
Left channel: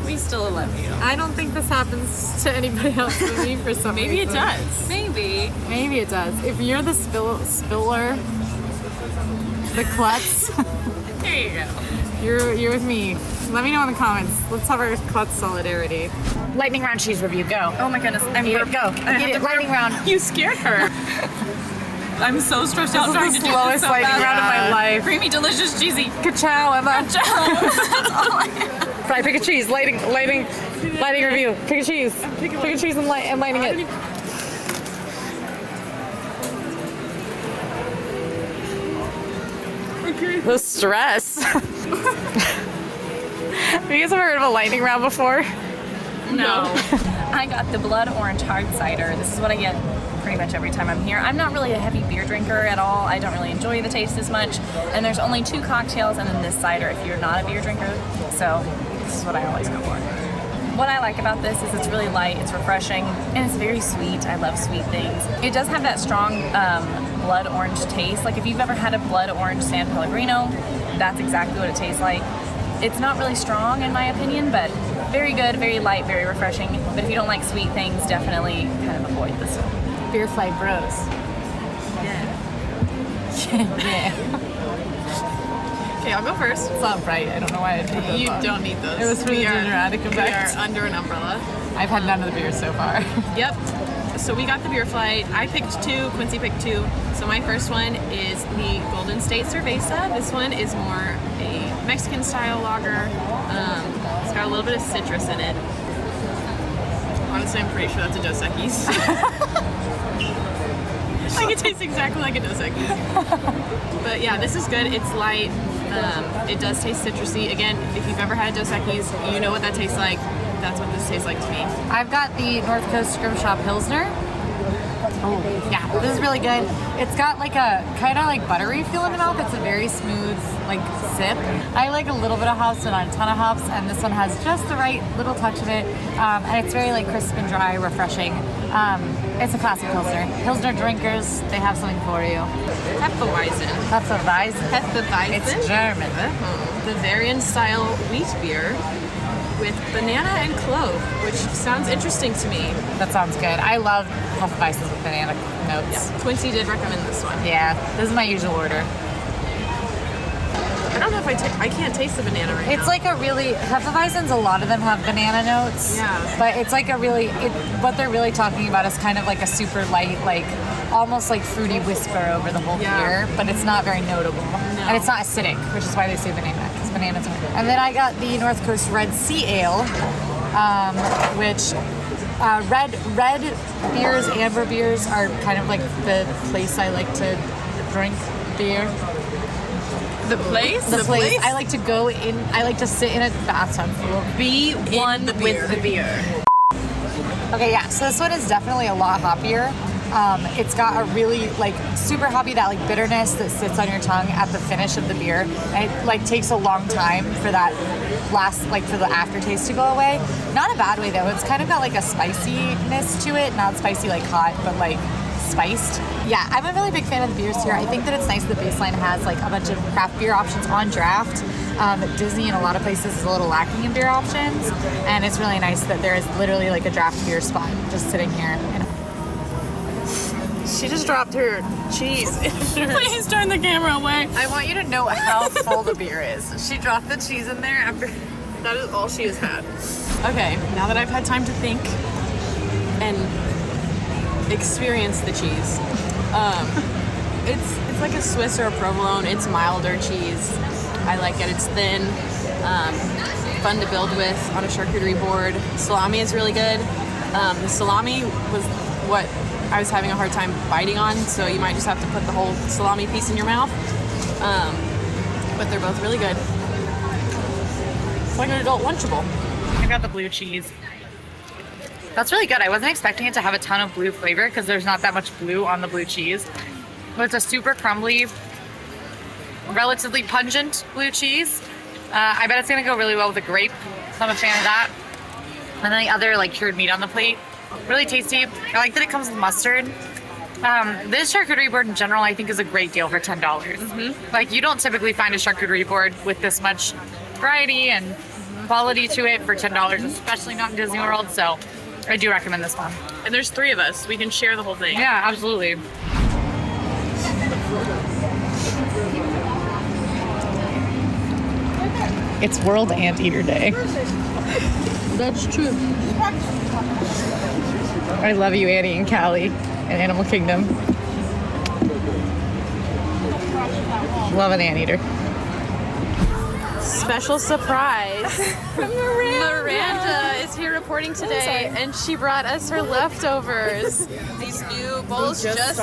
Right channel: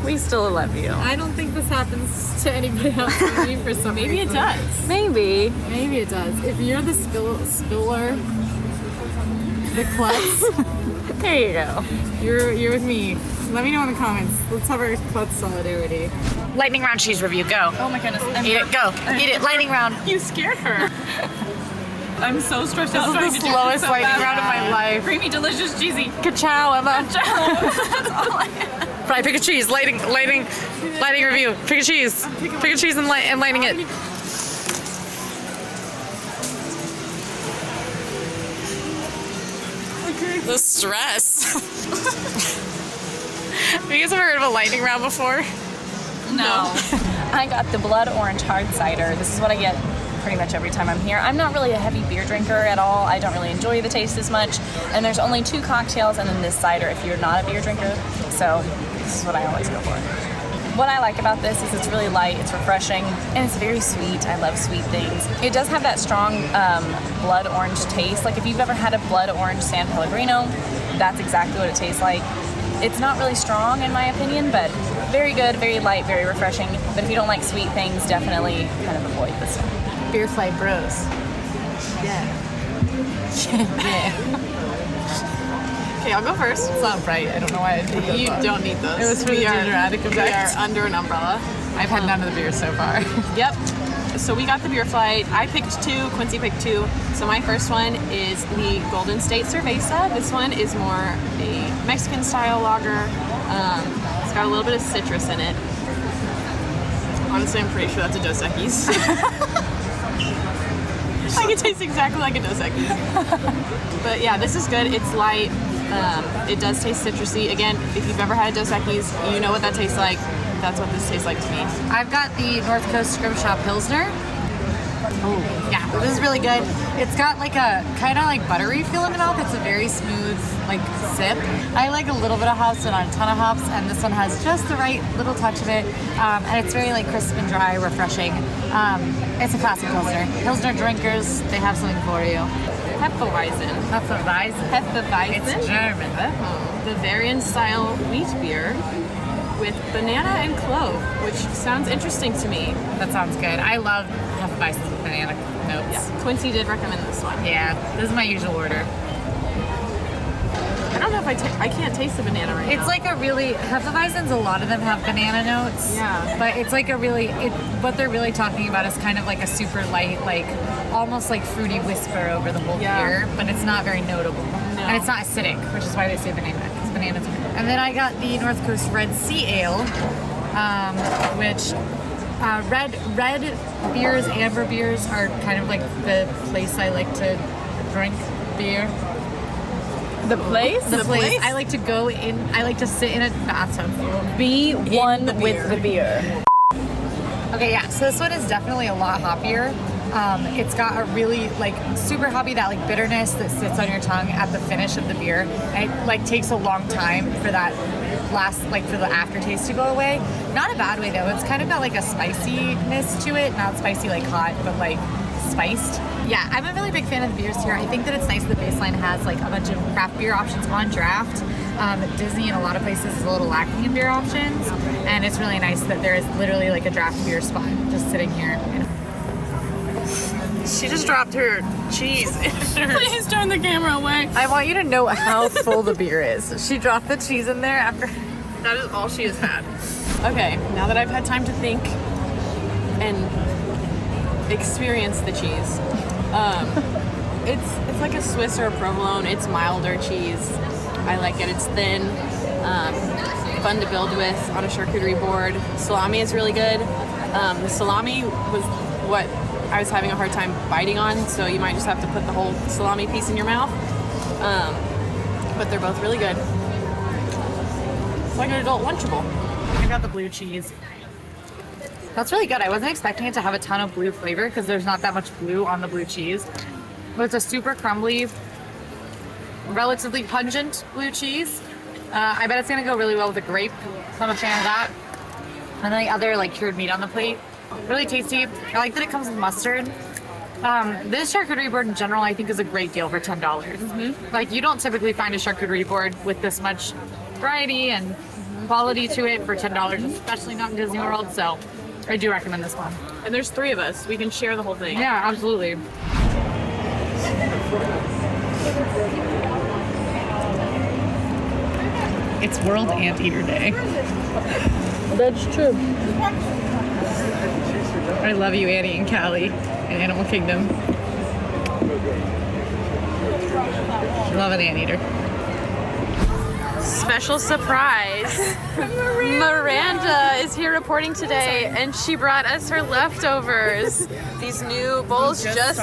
We still love you. I don't think this happens to anybody else but me for some reason. Maybe it does. Maybe. Maybe it does. If you're the spiller, the klutz, there you go. You're with me. Let me know in the comments. Let's have our klutz solidarity. Lightning round cheese review, go. Oh my goodness. Eat it, go. Eat it, lightning round. You scared her. I'm so stressed out This is the slowest lightning round of my life. Creamy, delicious, cheesy. Ka-chow, Emma. That's all I have. Fry, pick a cheese. Lightning review. Pick a cheese. Pick a cheese and lighting it. The stress. Have you guys ever heard of a lightning round before? No. I got the blood orange hard cider. This is what I get pretty much every time I'm here. I'm not really a heavy beer drinker at all. I don't really enjoy the taste as much. And there's only 2 cocktails and then this cider if you're not a beer drinker. So this is what I always go for. What I like about this is it's really light, it's refreshing, and it's very sweet. I love sweet things. It does have that strong blood orange taste. Like if you've ever had a blood orange San Pellegrino, that's exactly what it tastes like. It's not really strong in my opinion, but very good, very light, very refreshing. But if you don't like sweet things, definitely kind of avoid this one. Beer fight bros. Yeah. Yeah. Okay, I'll go first. It's not bright. I don't know why I put those You on. don't need those. It was for the junior attic we effect. are under an umbrella. I've had none of the beer so far. Yep. So we got the beer flight. I picked 2, Quincy picked 2. So my first one is the Golden State Cerveza. This one is more a Mexican style lager. It's got a little bit of citrus in it. Honestly, I'm pretty sure that's a Dos Equis. Like it tastes exactly like a Dos Equis. But yeah, this is good. It's light. It does taste citrusy. Again, if you've ever had a Dos Equis, you know what that tastes like. That's what this tastes like to me. I've got the North Coast Scrimshaw Pilsner. Oh, yeah, this is really good. It's got like a kind of like buttery feel in the mouth. It's a very smooth like sip. I like a little bit of hops and not a ton of hops, and this one has just the right little touch of it. And it's very like crisp and dry, refreshing. It's a classic Pilsner. Pilsner drinkers, they have something for you. Hefeweizen. Hefeweizen. It's German. Bavarian style wheat beer with banana and clove, which sounds interesting to me. That sounds good. I love Hefeweizens with banana notes. Yeah. Quincy did recommend this one. Yeah, this is my usual order. I don't know if I can't taste the banana right now. It's like a really, Hefeweizens, a lot of them have banana notes. Yeah. But it's like a really, what they're really talking about is kind of like a super light, like almost like fruity whisper over the whole beer, but it's not very notable. No. And it's not acidic, which is why they say banana, because bananas are. And then I got the North Coast Red Sea Ale, which red beers, amber beers are kind of like the place I like to drink beer. The place? The place. I like to go in, I like to sit in a bathtub full. Be one with the beer. Okay, yeah, so this one is definitely a lot hoppier. It's got a really like super hoppy, that like bitterness that sits on your tongue at the finish of the beer. And it like takes a long time for that last, like for the aftertaste to go away. Not a bad way though. It's kind of got like a spiciness to it. Not spicy like hot, but like spiced. Yeah, I'm a really big fan of the beers here. I think that it's nice that Baseline has like a bunch of craft beer options on draft. Disney in a lot of places is a little lacking in beer options, and it's really nice that there is literally like a draft beer spot just sitting here. She just dropped her cheese. Please turn the camera away. I want you to know how full the beer is. She dropped the cheese in there after. That is all she has had. Okay, now that I've had time to think and experience the cheese, it's like a Swiss or a provolone. It's milder cheese. I like it. It's thin, fun to build with on a charcuterie board. Salami is really good. The salami was what I was having a hard time biting on, so you might just have to put the whole salami piece in your mouth. But they're both really good. It's like an adult Lunchable. I got the blue cheese. That's really good. I wasn't expecting it to have a ton of blue flavor because there's not that much blue on the blue cheese. But it's a super crumbly, relatively pungent blue cheese. I bet it's gonna go really well with the grape, so I'm a fan of that. And then the other like cured meat on the plate. Really tasty. I like that it comes with mustard. This charcuterie board in general I think is a great deal for $10. Mm-hmm. Like you don't typically find a charcuterie board with this much variety and quality to it for $10, especially not in Disney World, so I do recommend this one. And there's 3 of us. We can share the whole thing. Yeah, absolutely. It's World Anteater Day. That's true. I love you, Annie and Callie, and Animal Kingdom. Love an anteater. Special surprise. Miranda is here reporting today, and she brought us her leftovers. These new bowls just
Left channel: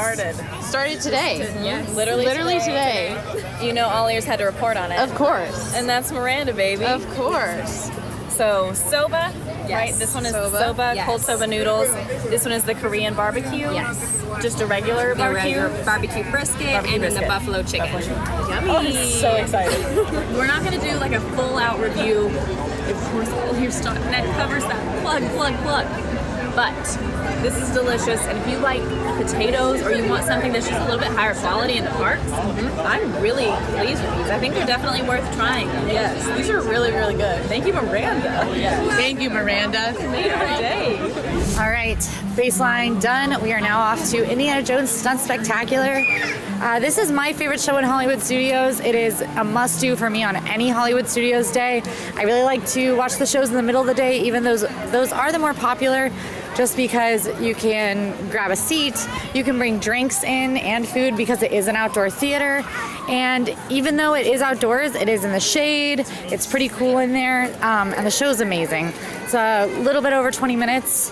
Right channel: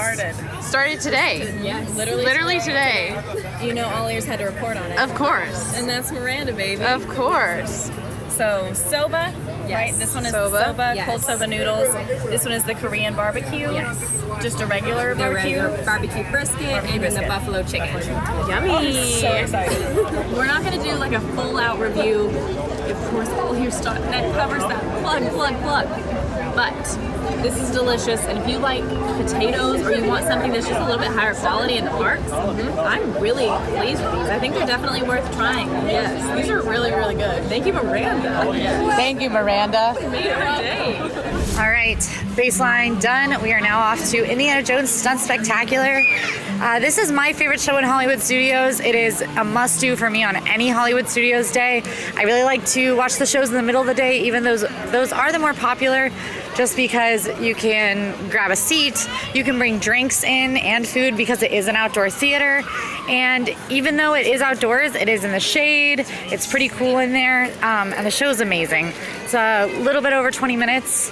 started today. Yes, literally today. You know, AllEars had to report on it. Of course. And that's Miranda, baby. Of course. So soba, right? This one is the soba, cold soba noodles. This one is the Korean barbecue. Yes. Just a regular the barbecue. regular barbecue brisket and then the buffalo chicken. Yummy. I'm so excited. We're not going to do like a full out review. Of course, AllEars .net covers that plug. But this is delicious, and if you like potatoes or you want something that's just a little bit higher quality in the parks, I'm really pleased with these. I think they're definitely worth trying. Yes, these are really, really good. Thank you, Miranda. Oh, yes. Thank you, Miranda. Day. All right, Baseline done. We are now off to Indiana Jones Stunt Spectacular. This is my favorite show in Hollywood Studios. It is a must-do for me on any Hollywood Studios day. I really like to watch the shows in the middle of the day, even those are the more popular, just because you can grab a seat, you can bring drinks in and food because it is an outdoor theater. And even though it is outdoors, it is in the shade. It's pretty cool in there, and the show is amazing. It's a little bit over 20 minutes.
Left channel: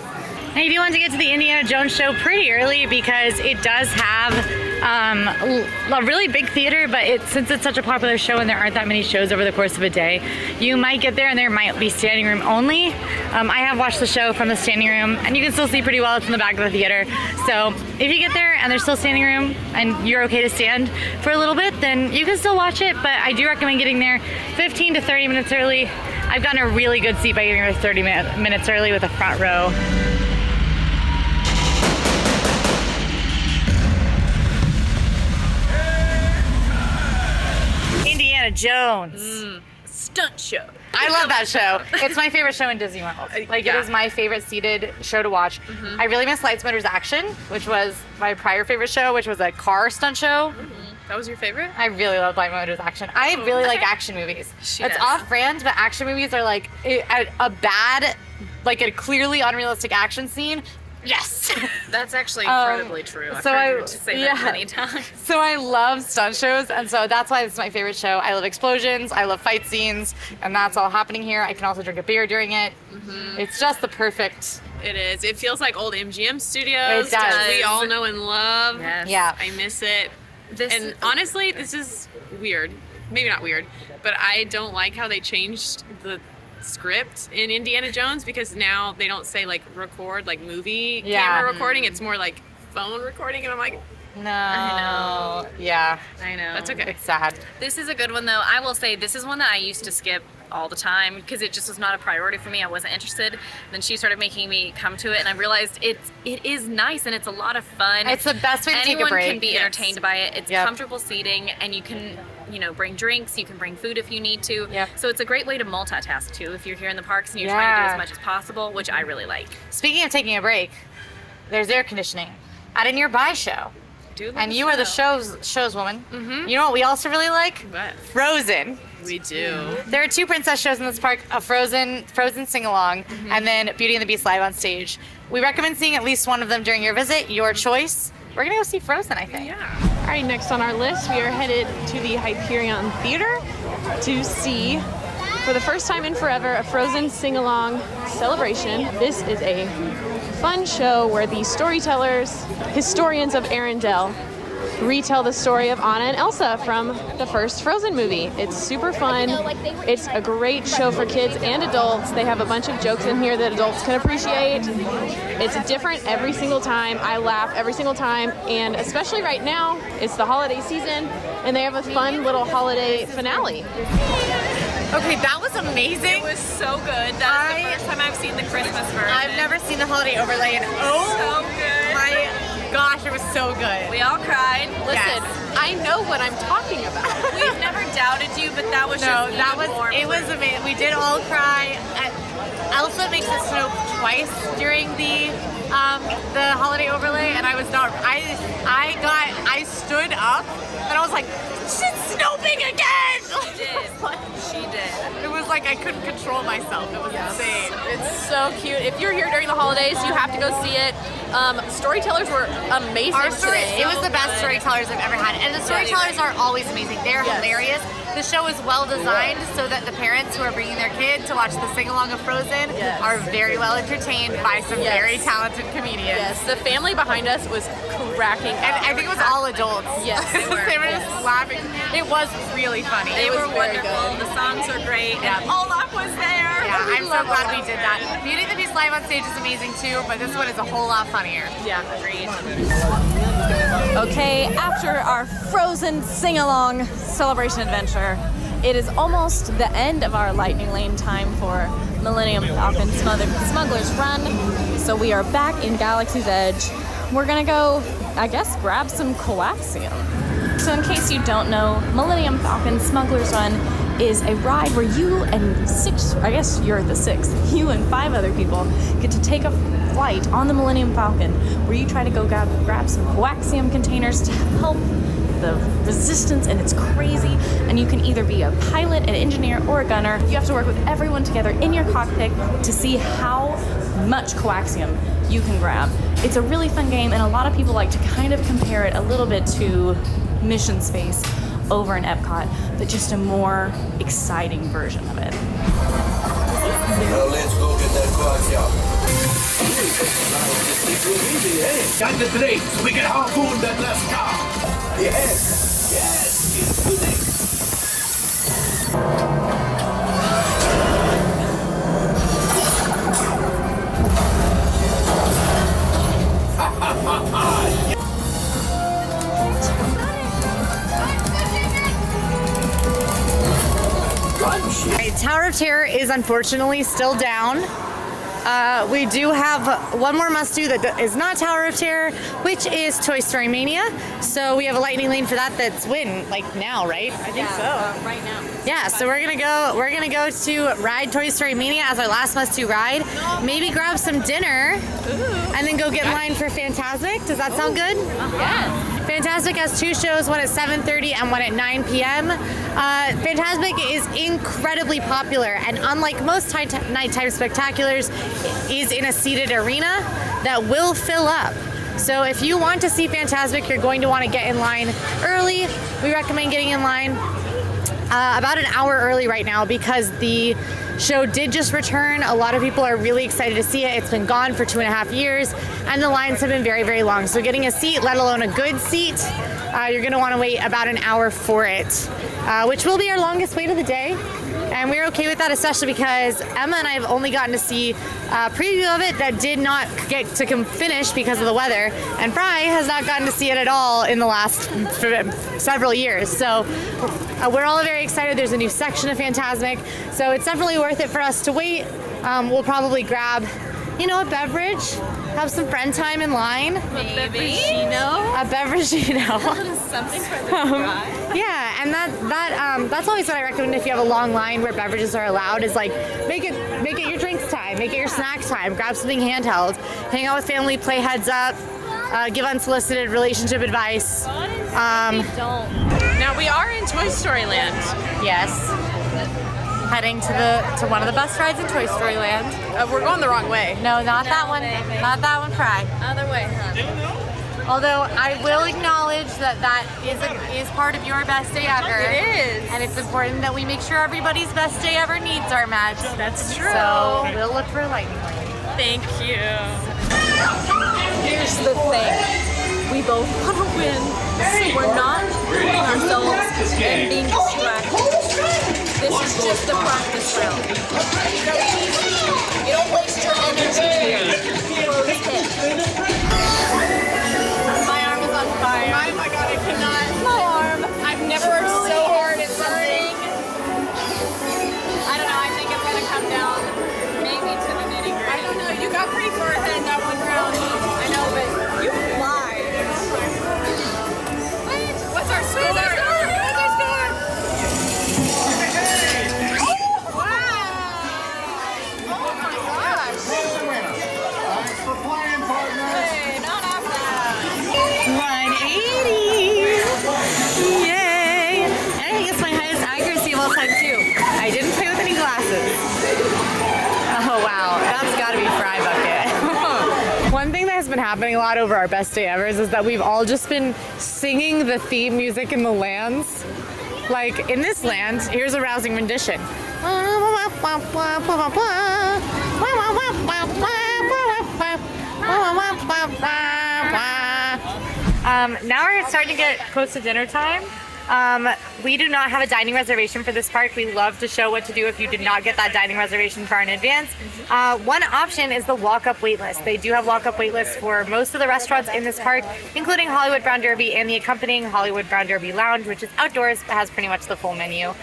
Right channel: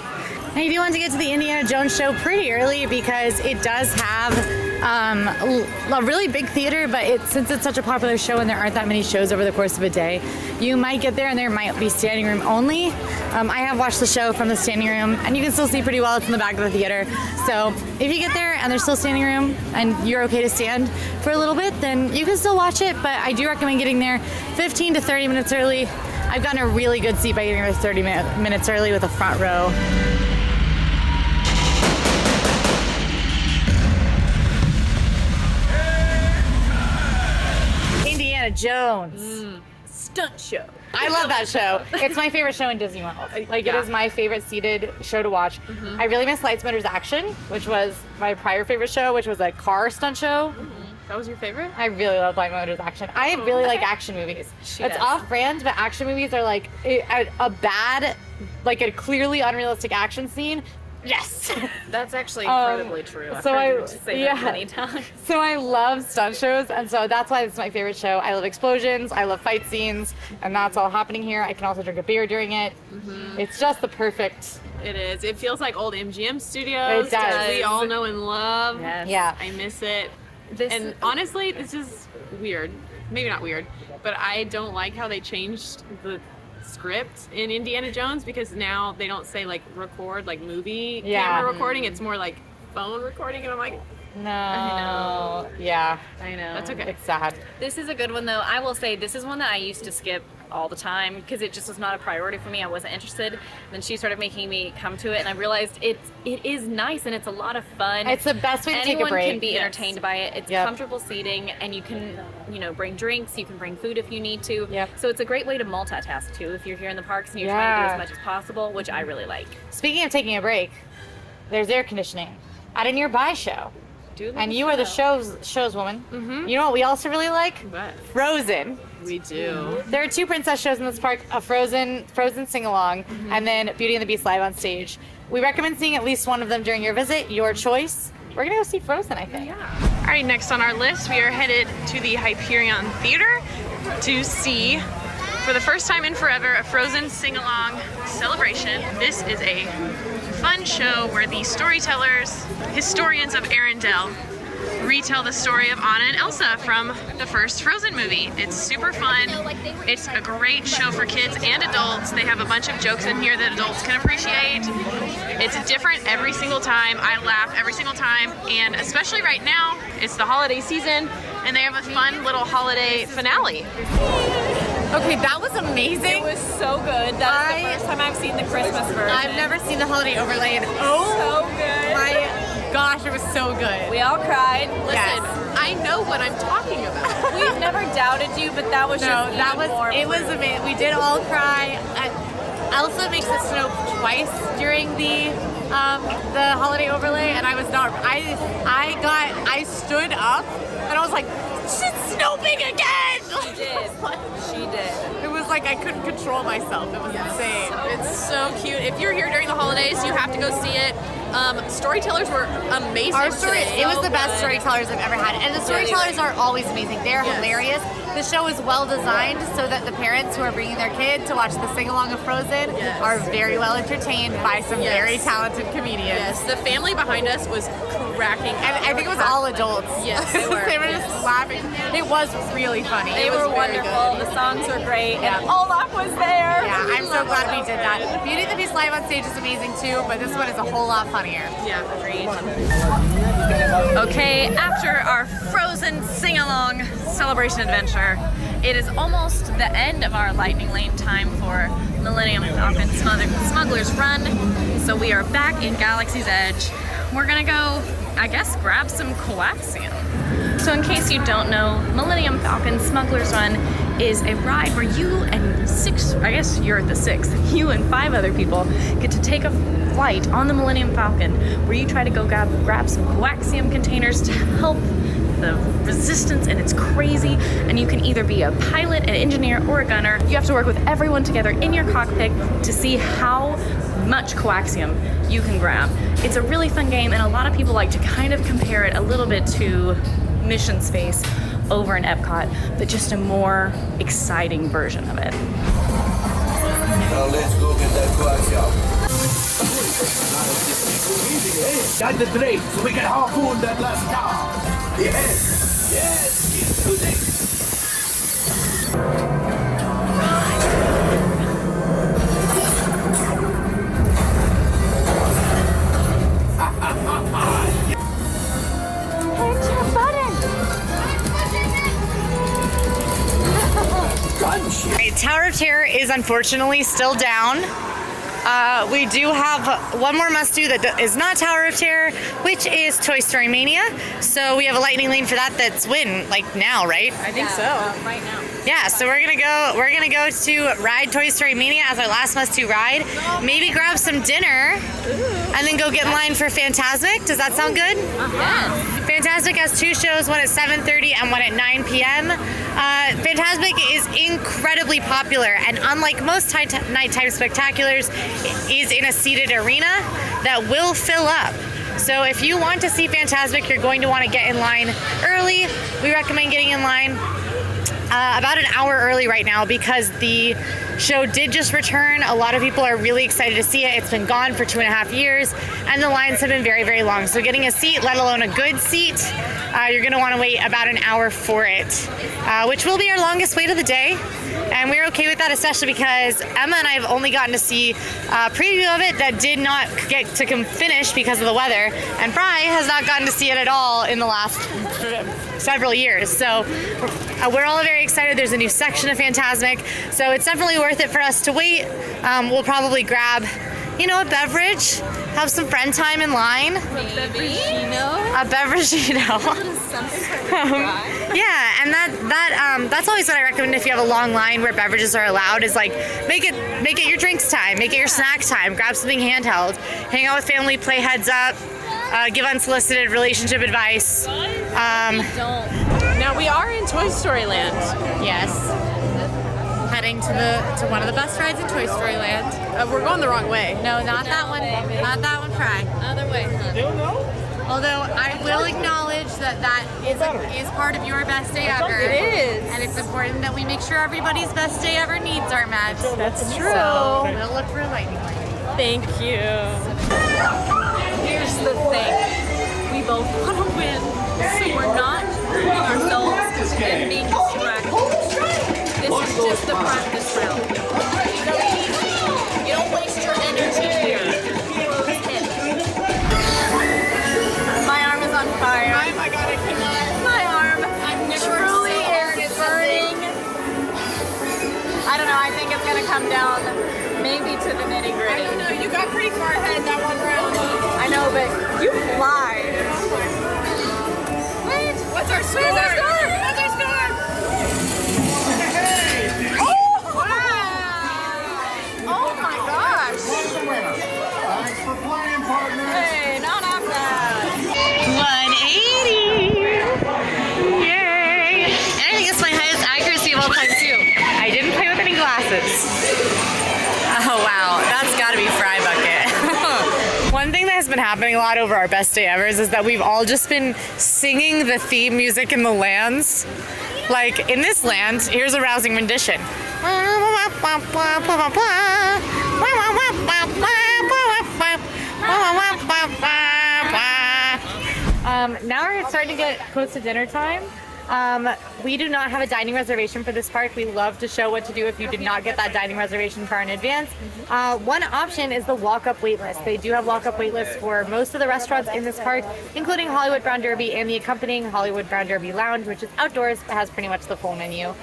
And I do want to get to the Indiana Jones show pretty early because it does have a really big theater, but since it's such a popular show and there aren't that many shows over the course of a day, you might get there and there might be standing room only. I have watched the show from the standing room and you can still see pretty well. It's in the back of the theater. So if you get there and there's still standing room and you're okay to stand for a little bit, then you can still watch it, but I do recommend getting there 15 to 30 minutes early. I've gotten a really good seat by getting there 30 minutes early with a front row. Indiana Jones. Stunt show. I love that show. It's my favorite show in Disney World. Like, it is my favorite seated show to watch. I really miss Lights, Motors, Action, which was my prior favorite show, which was a car stunt show. That was your favorite? I really love Lights, Motors, Action. I really like action movies. It's off-brand, but action movies are like a bad, like a clearly unrealistic action scene. Yes. That's actually incredibly true. I've so heard you say that many times. So I love stunt shows, and so that's why it's my favorite show. I love explosions, I love fight scenes, and that's all happening here. I can also drink a beer during it. It's just the perfect. It is. It feels like old MGM studios. It does. That we all know and love. Yes. Yeah. I miss it. Honestly, this is weird. Maybe not weird, but I don't like how they changed the script in Indiana Jones, because now they don't say like record, like movie camera recording. It's more like phone recording, and I'm like, no. I know. Yeah. I know. That's okay. It's sad. This is a good one though. I will say this is one that I used to skip all the time because it just was not a priority for me. I wasn't interested. And then she started making me come to it, and I realized it is nice and it's a lot of fun. It's the best way to take a break. Anyone can be entertained by it. It's comfortable seating, and you can, bring drinks. You can bring food if you need to. So it's a great way to multitask too if you're here in the parks and you're trying to do as much as possible, which I really like. Speaking of taking a break, there's air conditioning at a nearby show. And you are the show's woman. You know what we also really like? What? Frozen. We do. There are 2 princess shows in this park, a Frozen sing-along, and then Beauty and the Beast live on stage. We recommend seeing at least one of them during your visit, your choice. We're gonna go see Frozen, I think. Yeah. All right, next on our list, we are headed to the Hyperion Theater to see, for the first time in forever, a Frozen sing-along celebration. This is a fun show where the storytellers, historians of Arendelle, retell the story of Anna and Elsa from the first Frozen movie. It's super fun. It's a great show for kids and adults. They have a bunch of jokes in here that adults can appreciate. It's different every single time. I laugh every single time, and especially right now, it's the holiday season, and they have a fun little holiday finale. Okay, that was amazing. It was so good. That was the first time I've seen the Christmas version. I've never seen the holiday overlay, and so good. My gosh, it was so good. We all cried. Listen, I know what I'm talking about. We've never doubted you, but that was it was amazing. We did all cry. Elsa makes it snow twice during the holiday overlay, and I was not. I stood up and I was like, "Shit's snowing again!" She did. It was like I couldn't control myself. It was insane. It's so cute. If you're here during the holidays, you have to go see it. Storytellers were amazing. It was the best storytellers I've ever had, and the storytellers are always amazing. They're hilarious. The show is well designed so that the parents who are bringing their kid to watch the sing-along of Frozen are very well entertained by some very talented comedians. Yes, the family behind us was cracking up. And I think it was all adults. Yes, they were just laughing. It was really funny. They were wonderful. The songs were great. Yeah. And Olaf was there. Yeah, I'm so glad we did that. Beauty and the Beast live on stage is amazing too, but this one is a whole lot funnier. Yeah, agreed. Okay, after our Frozen sing-along celebration adventure, it is almost the end of our lightning lane time for Millennium Falcon Smuggler's Run. So we are back in Galaxy's Edge. We're gonna go, I guess, grab some coaxium. So in case you don't know, Millennium Falcon Smuggler's Run is a ride where you and you and 5 other people get to take a flight on the Millennium Falcon where you try to go grab some coaxium containers to help the resistance, and it's crazy. And you can either be a pilot, an engineer, or a gunner. You have to work with everyone together in your cockpit to see how much coaxium you can grab. It's a really fun game, and a lot of people like to kind of compare it a little bit to Mission Space over in Epcot, but just a more exciting version of it. Now let's go get that coaxium. Hey, got the drink so we can harpoon that last car. Yes, yes, yes. Right, Tower of Terror is unfortunately still down. We do have one more must-do that is not Tower of Terror, which is Toy Story Mania. So we have a lightning lane for that. That's when, like now, right? I think so. Right now. Yeah, so we're gonna go to ride Toy Story Mania as our last must-do ride. Maybe grab some dinner, and then go get in line for Fantasmic. Does that sound good? Yes. Fantasmic has two shows, one at 7:30 and one at 9 p.m. Fantasmic is incredibly popular, and unlike most nighttime spectaculars, is in a seated arena that will fill up. So if you want to see Fantasmic, you're going to want to get in line early. We recommend getting in line about an hour early right now because the show did just return. A lot of people are really excited to see it. It's been gone for 2.5 years, and the lines have been very, very long. So getting a seat, let alone a good seat, you're going to want to wait about an hour for it, which will be our longest wait of the day. And we're okay with that, especially because Emma and I have only gotten to see a preview of it that did not get to finish because of the weather. And Fry has not gotten to see it at all in the last several years. So we're all very excited. There's a new section of Fantasmic. So it's definitely worth it for us to wait. We'll probably grab, a beverage, have some friend time in line. A beverage, yeah, and that's always what I recommend if you have a long line where beverages are allowed, is like make it your drinks time, make it your snack time, grab something handheld, hang out with family, play heads up, give unsolicited relationship advice. Now we are in Toy Story Land. Yes. Heading to one of the best rides in Toy Story Land. We're going the wrong way. No, not that one. Not that one, Fry. Other way. Although I will acknowledge that is part of your best day ever. It is. And it's important that we make sure everybody's best day ever needs are met. That's true. So we'll look for lightning lane. Thank you. Here's the thing. We both want to win, so we're not hurting ourselves and being distracted. This is just the practice round. You don't waste your energy here. Close hit. My arm is on fire. Oh my god, I cannot. My arm. I've never worked so hard. It's burning. I don't know. I think it's gonna come down maybe to the nitty gritty. No, you got pretty far ahead that one round. I know, but you fly. Wait, what's our score? What's our score? Oh my gosh. Thanks for playing, partner. Hey, not after that. 180! Yay! And I think it's my highest accuracy of all time too. I didn't play with any glasses. Oh wow, that's gotta be Fry Bucket. One thing that has been happening a lot over our best day ever is that we've all just been singing the theme music in the lands. Like in this land, here's a rousing rendition. Now we're starting to get close to dinner time. We do not have a dining reservation for this park. We love to show what to do if you did not get that dining reservation far in advance. One option is the walk-up wait list. They do have walk-up wait lists for most of the restaurants in this park, including Hollywood Brown Derby and the accompanying Hollywood Brown Derby Lounge, which is outdoors but has pretty much the full menu.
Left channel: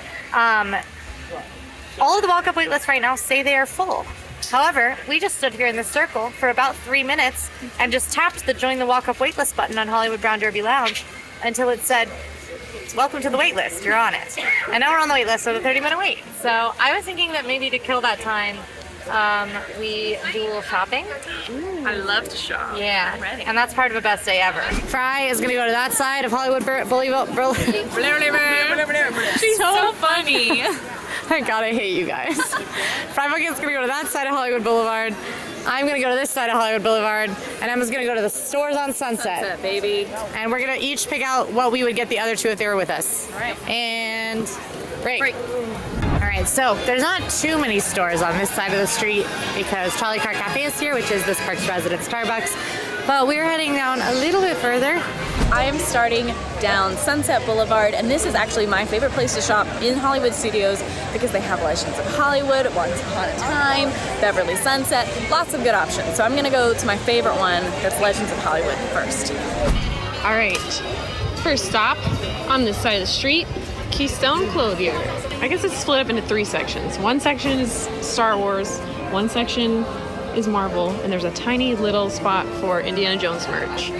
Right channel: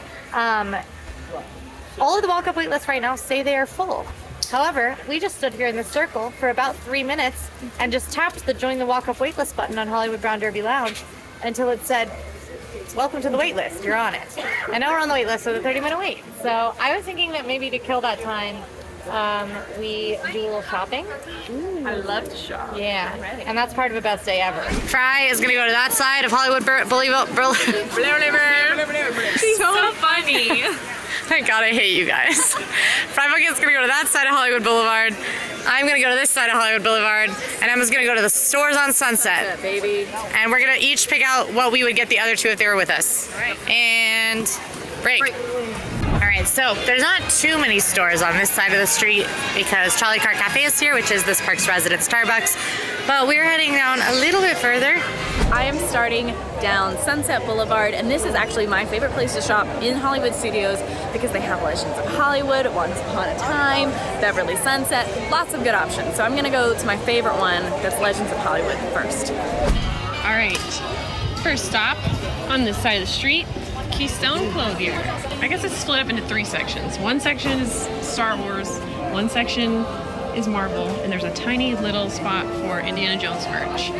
All of the walk-up wait lists right now say they are full. However, we just stood here in this circle for about 3 minutes and just tapped the join the walk-up waitlist button on Hollywood Brown Derby Lounge until it said, welcome to the wait list, you're on it. And now we're on the wait list, so the 30-minute wait. So I was thinking that maybe to kill that time, we do a little shopping. Ooh, I love to shop. Yeah, and that's part of a best day ever. Fry is gonna go to that side of Hollywood She's so funny. Thank God I hate you guys. Fry Bucket's gonna go to that side of Hollywood Boulevard. I'm gonna go to this side of Hollywood Boulevard, and Emma's gonna go to the stores on Sunset. Baby. And we're gonna each pick out what we would get the other two if they were with us. All right. And break. All right, so there's not too many stores on this side of the street because Charlie Cart Cafe is here, which is this park's resident Starbucks. But we're heading down a little bit further. I am starting down Sunset Boulevard, and this is actually my favorite place to shop in Hollywood Studios because they have Legends of Hollywood, Once Upon a Time, Beverly Sunset, lots of good options. So I'm gonna go to my favorite one, that's Legends of Hollywood first. All right, first stop on this side of the street, Keystone Clothier. I guess it's split up into 3 sections. One section is Star Wars, one section is Marvel, and there's a tiny little spot for Indiana Jones merch.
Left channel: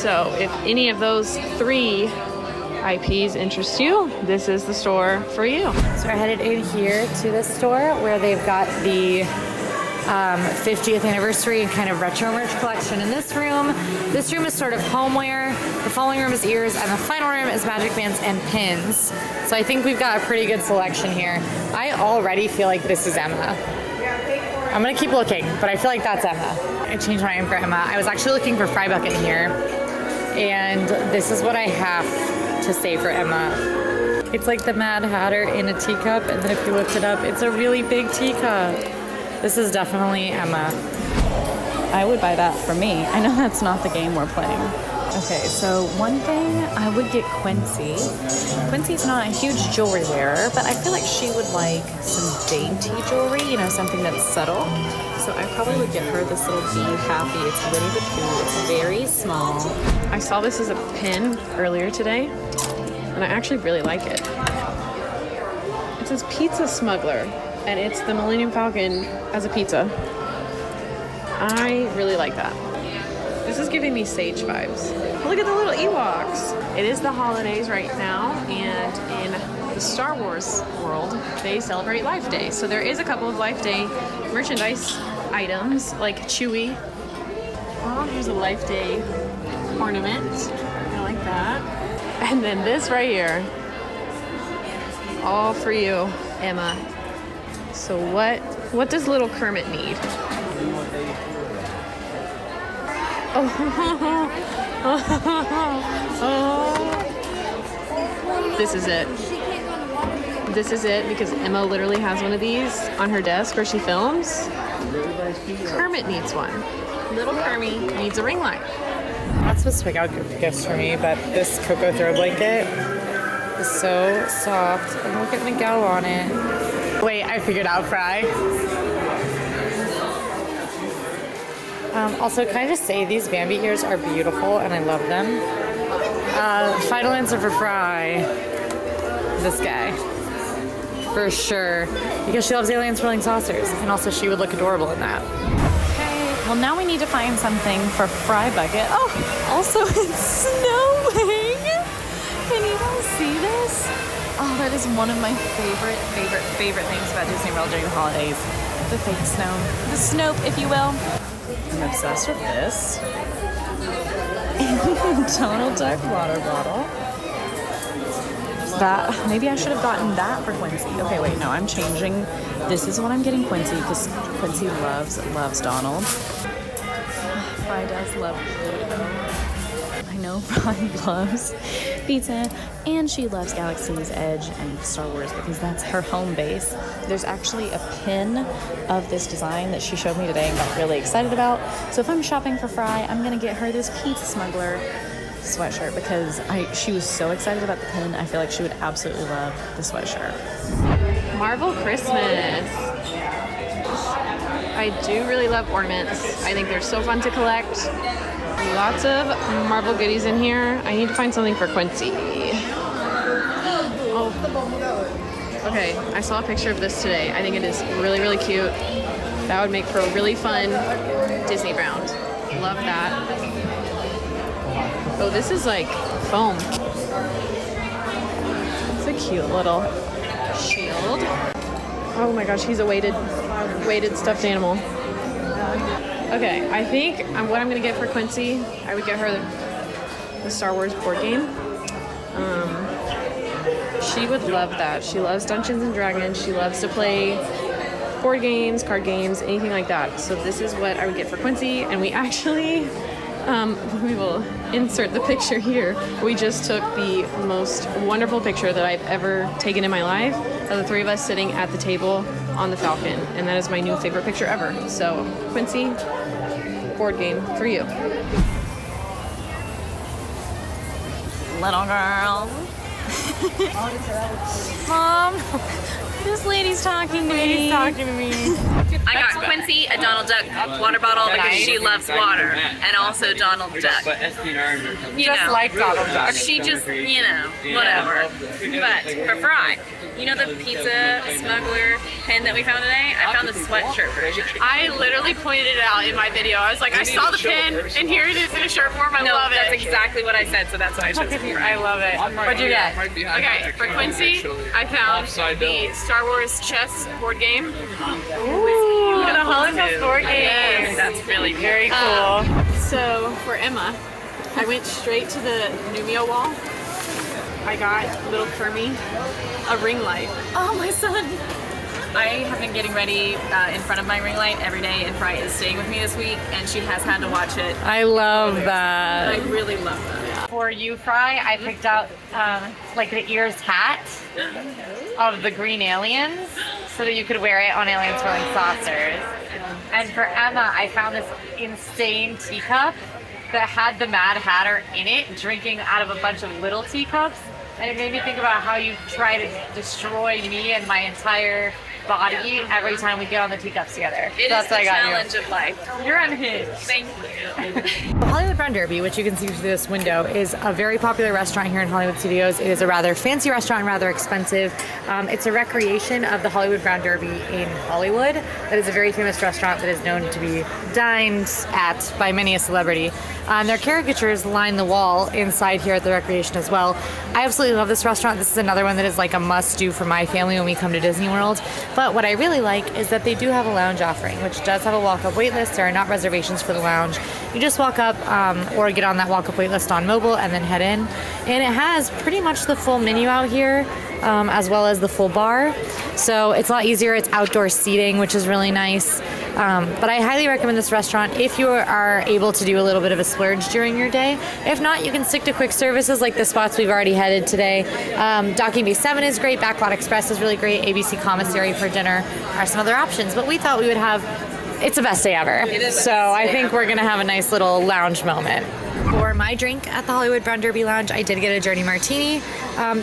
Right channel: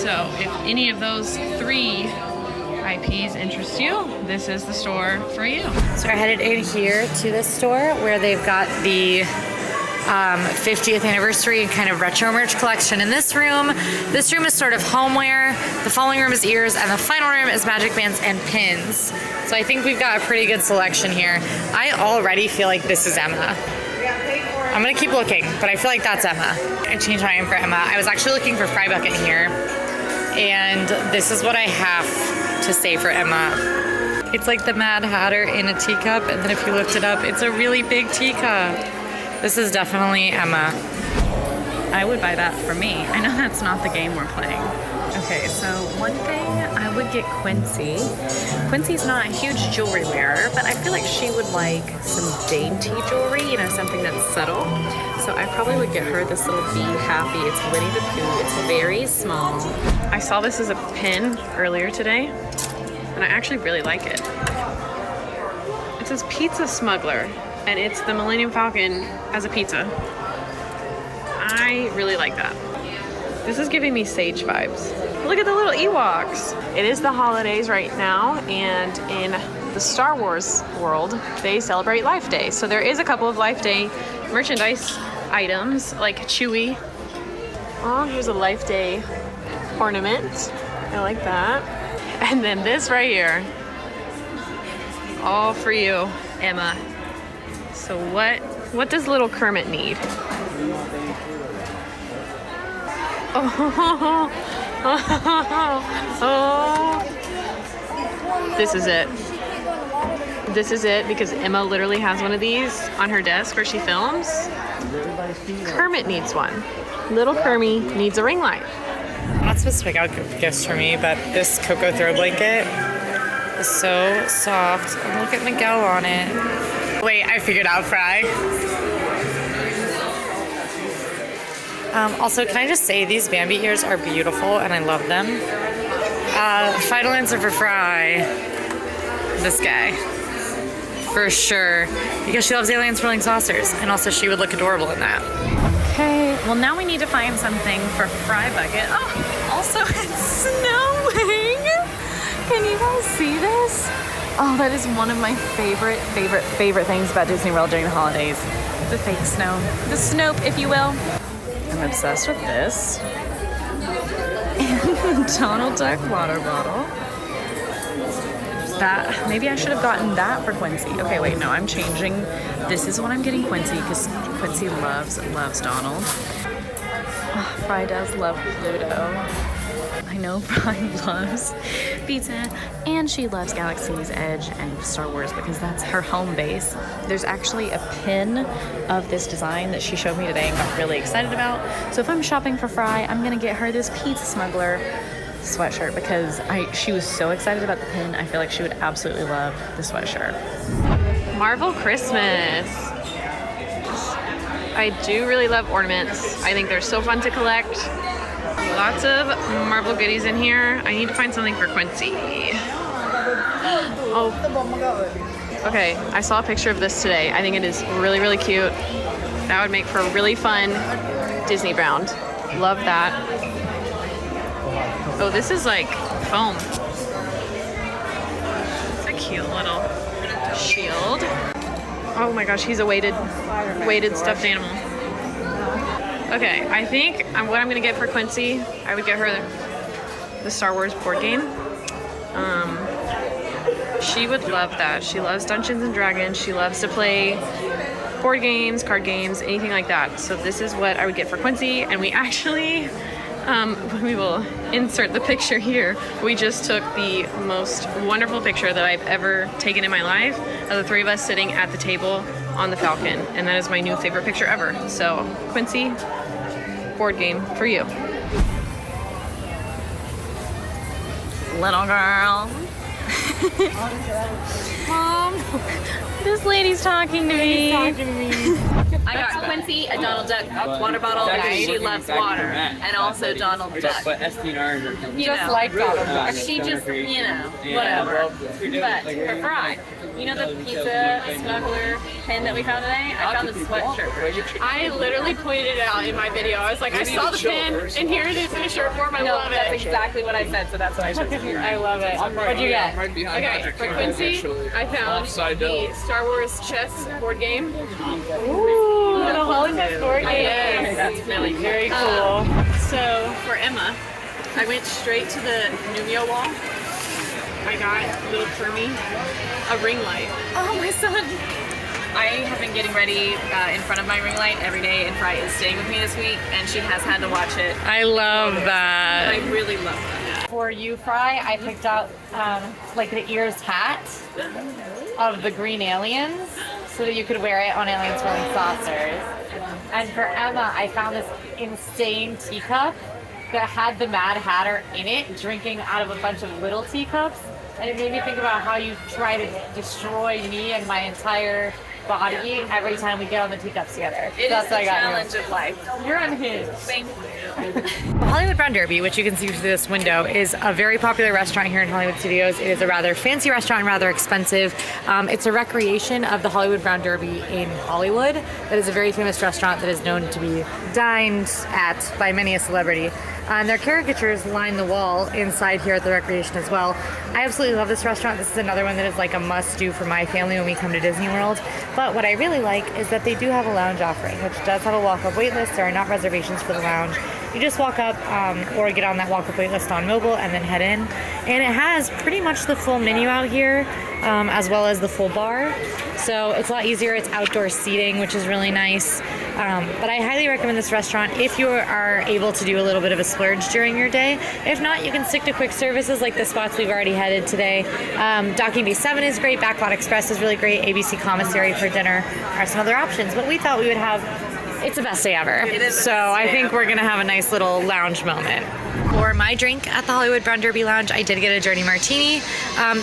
So if any of those 3 IPs interest you, this is the store for you. So we're headed in here to this store where they've got the 50th anniversary kind of retro merch collection in this room. This room is sort of homeware. The following room is ears, and the final room is magic bands and pins. So I think we've got a pretty good selection here. I already feel like this is Emma. I'm gonna keep looking, but I feel like that's Emma. I changed my name for Emma. I was actually looking for Fry Bucket here, and this is what I have to say for Emma. It's like the Mad Hatter in a teacup, and then if you looked it up, it's a really big teacup. This is definitely Emma. I would buy that for me. I know that's not the game we're playing. Okay, so one thing I would get Quincy. Quincy's not a huge jewelry wearer, but I feel like she would like some dainty jewelry, you know, something that's subtle. So I probably would get her this little Be Happy. It's Winnie the Pooh. It's very small. I saw this as a pin earlier today, and I actually really like it. It says Pizza Smuggler, and it's the Millennium Falcon as a pizza. I really like that. This is giving me Sage vibes. Look at the little Ewoks. It is the holidays right now, and in the Star Wars world, they celebrate Life Day. So there is a couple of Life Day merchandise items, like Chewie. Oh, here's a Life Day ornament. I like that. And then this right here. All for you, Emma. So what does little Kermit need? Oh. This is it. This is it, because Emma literally has one of these on her desk where she films. Kermit needs one. Little Kermit needs a ring light. I'm not supposed to pick out gifts for me, but this Cocoa throw blanket is so soft. And look at Miguel on it. Wait, I figured out Fry. Also, can I just say these Bambi ears are beautiful and I love them. Final answer for Fry. This guy. For sure. Because she loves alien swirling saucers, and also she would look adorable in that. Okay, well now we need to find something for Fry Bucket. Oh, also it's snowing. Can you guys see this? Oh, that is one of my favorite things about Disney World during the holidays. The fake snow. The Snoke, if you will. I'm obsessed with this. And Donald Duck water bottle. That, maybe I should have gotten that for Quincy. Okay, wait, no, I'm changing. This is what I'm getting Quincy, because Quincy loves Donald. Fry does love Pluto. I know Fry loves pizza, and she loves Galaxy's Edge and Star Wars because that's her home base. There's actually a pin of this design that she showed me today and got really excited about. So if I'm shopping for Fry, I'm gonna get her this Pizza Smuggler sweatshirt because she was so excited about the pin. I feel like she would absolutely love the sweatshirt. Marvel Christmas. I do really love ornaments. I think they're so fun to collect. Lots of Marvel goodies in here. I need to find something for Quincy. Oh. Okay, I saw a picture of this today. I think it is really, really cute. That would make for a really fun Disney bound. Love that. Oh, this is like foam. It's a cute little shield. Oh my gosh, he's a weighted stuffed animal. Okay, I think what I'm gonna get for Quincy, I would get her the Star Wars board game. She would love that. She loves Dungeons and Dragons. She loves to play board games, card games, anything like that. So this is what I would get for Quincy, and we actually, we will insert the picture here. We just took the most wonderful picture that I've ever taken in my life of the 3 of us sitting at the table on the Falcon, and that is my new favorite picture ever. So Quincy, board game for you. Little girl. Mom, this lady's talking to me. I got Quincy a Donald Duck water bottle because she loves water, and also Donald Duck. You know, like Donald Duck. she just, you know, whatever. But for Fry, you know the pizza smuggler pin that we found today? I found the sweatshirt version. I literally pointed it out in my video. I was like, I saw the pin, and here it is in a shirt form. I love That's it. exactly what I said, so that's what I chose. I love it. What'd you get? Okay, for Quincy, I found the Star Wars chess board game. Ooh, the Hollywood board game. Yes, that's really very cool. So for Emma, I went straight to the Numio wall. I got little Kermie a ring light. Oh, my son. I have been getting ready in front of my ring light every day, and Fry is staying with me this week, and she has had to watch it. I love that. I really love that. For you, Fry, I picked out like the ears hat of the green aliens so that you could wear it on aliens wearing saucers. And for Emma, I found this insane teacup that had the Mad Hatter in it, drinking out of a bunch of little teacups. And it made me think about how you try to destroy me and my entire body every time we get on the teacups together. It is the challenge of life. You're unhinged. Thank you. The Hollywood Brown Derby, which you can see through this window, is a very popular restaurant here in Hollywood Studios. It is a rather fancy restaurant, rather expensive. It's a recreation of the Hollywood Brown Derby in Hollywood. That is a very famous restaurant that is known to be dined at by many a celebrity. Their caricatures line the wall inside here at the recreation as well. I absolutely love this restaurant. This is another one that is like a must-do for my family when we come to Disney World. But what I really like is that they do have a lounge offering, which does have a walk-up wait list. There are not reservations for the lounge. You just walk up or get on that walk-up wait list on mobile and then head in. And it has pretty much the full menu out here, as well as the full bar. So it's a lot easier. It's outdoor seating, which is really nice. But I highly recommend this restaurant if you are able to do a little bit of a splurge during your day. If not, you can stick to quick services like the spots we've already headed today. Docking Bay 7 is great. Backwat Express is really great. ABC Commissary for dinner are some other options. But we thought we would have, it's the best day ever. So I think we're going to have a nice little lounge moment. For my drink at the Hollywood Brown Derby Lounge, I did get a Journey Martini.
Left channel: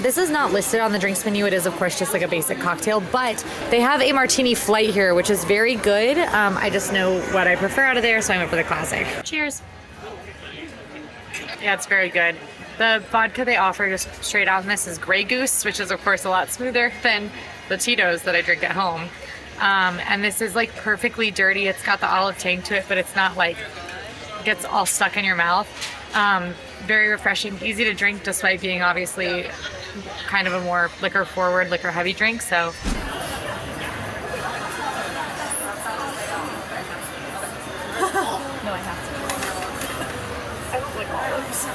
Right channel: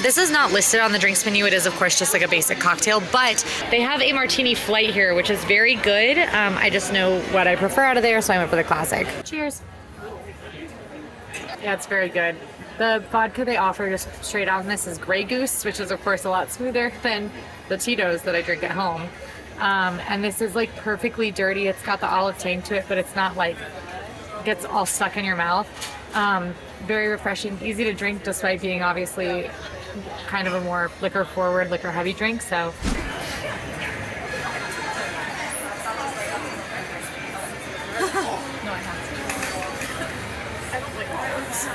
This is not listed on the drinks menu. It is, of course, just like a basic cocktail, but they have a martini flight here, which is very good. I just know what I prefer out of there, so I went for the classic. Cheers. Yeah, it's very good. The vodka they offer just straight out in this is Grey Goose, which is, of course, a lot smoother than the Tito's that I drink at home. And this is like perfectly dirty. It's got the olive tang to it, but it's not like gets all stuck in your mouth. Very refreshing, easy to drink despite being obviously kind of a more liquor forward, liquor heavy drink. So I don't like olives.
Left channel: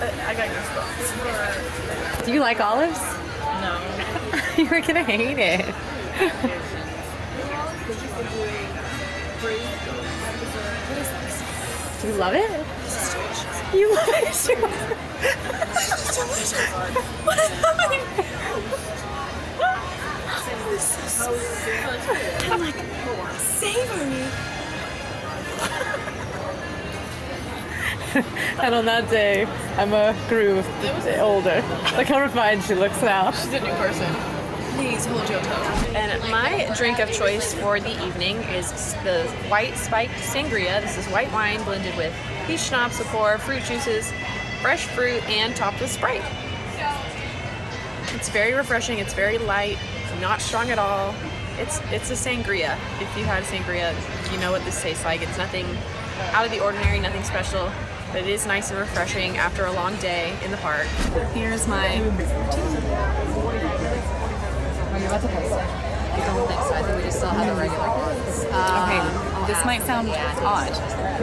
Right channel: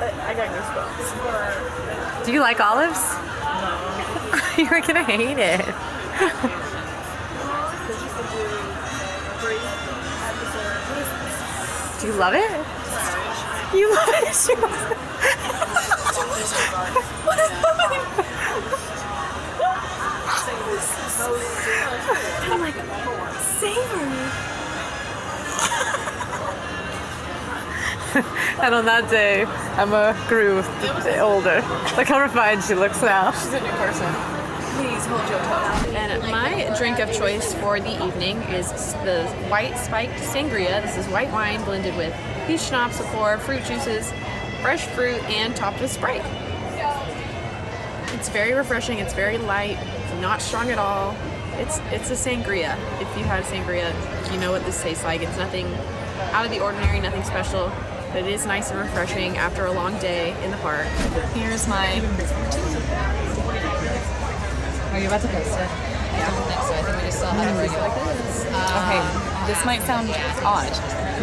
I got goosebumps. Do you like olives? No. You're gonna hate it. Do you love it? You love it? What is happening? I'm like, savory. And on that day, Emma grew older. Look how refined she looks now. She's a new person. Please hold your toe. And my drink of choice for the evening is the white spiked sangria. This is white wine blended with peach schnapps, liqueur, fruit juices, fresh fruit, and topped with Sprite. It's very refreshing. It's very light. It's not strong at all. It's a sangria. If you had a sangria, you know what this tastes like. It's nothing out of the ordinary, nothing special, but it is nice and refreshing after a long day in the park. Here's my. Are you about to post it? I don't think so. I think we just saw it. Okay, this might sound odd,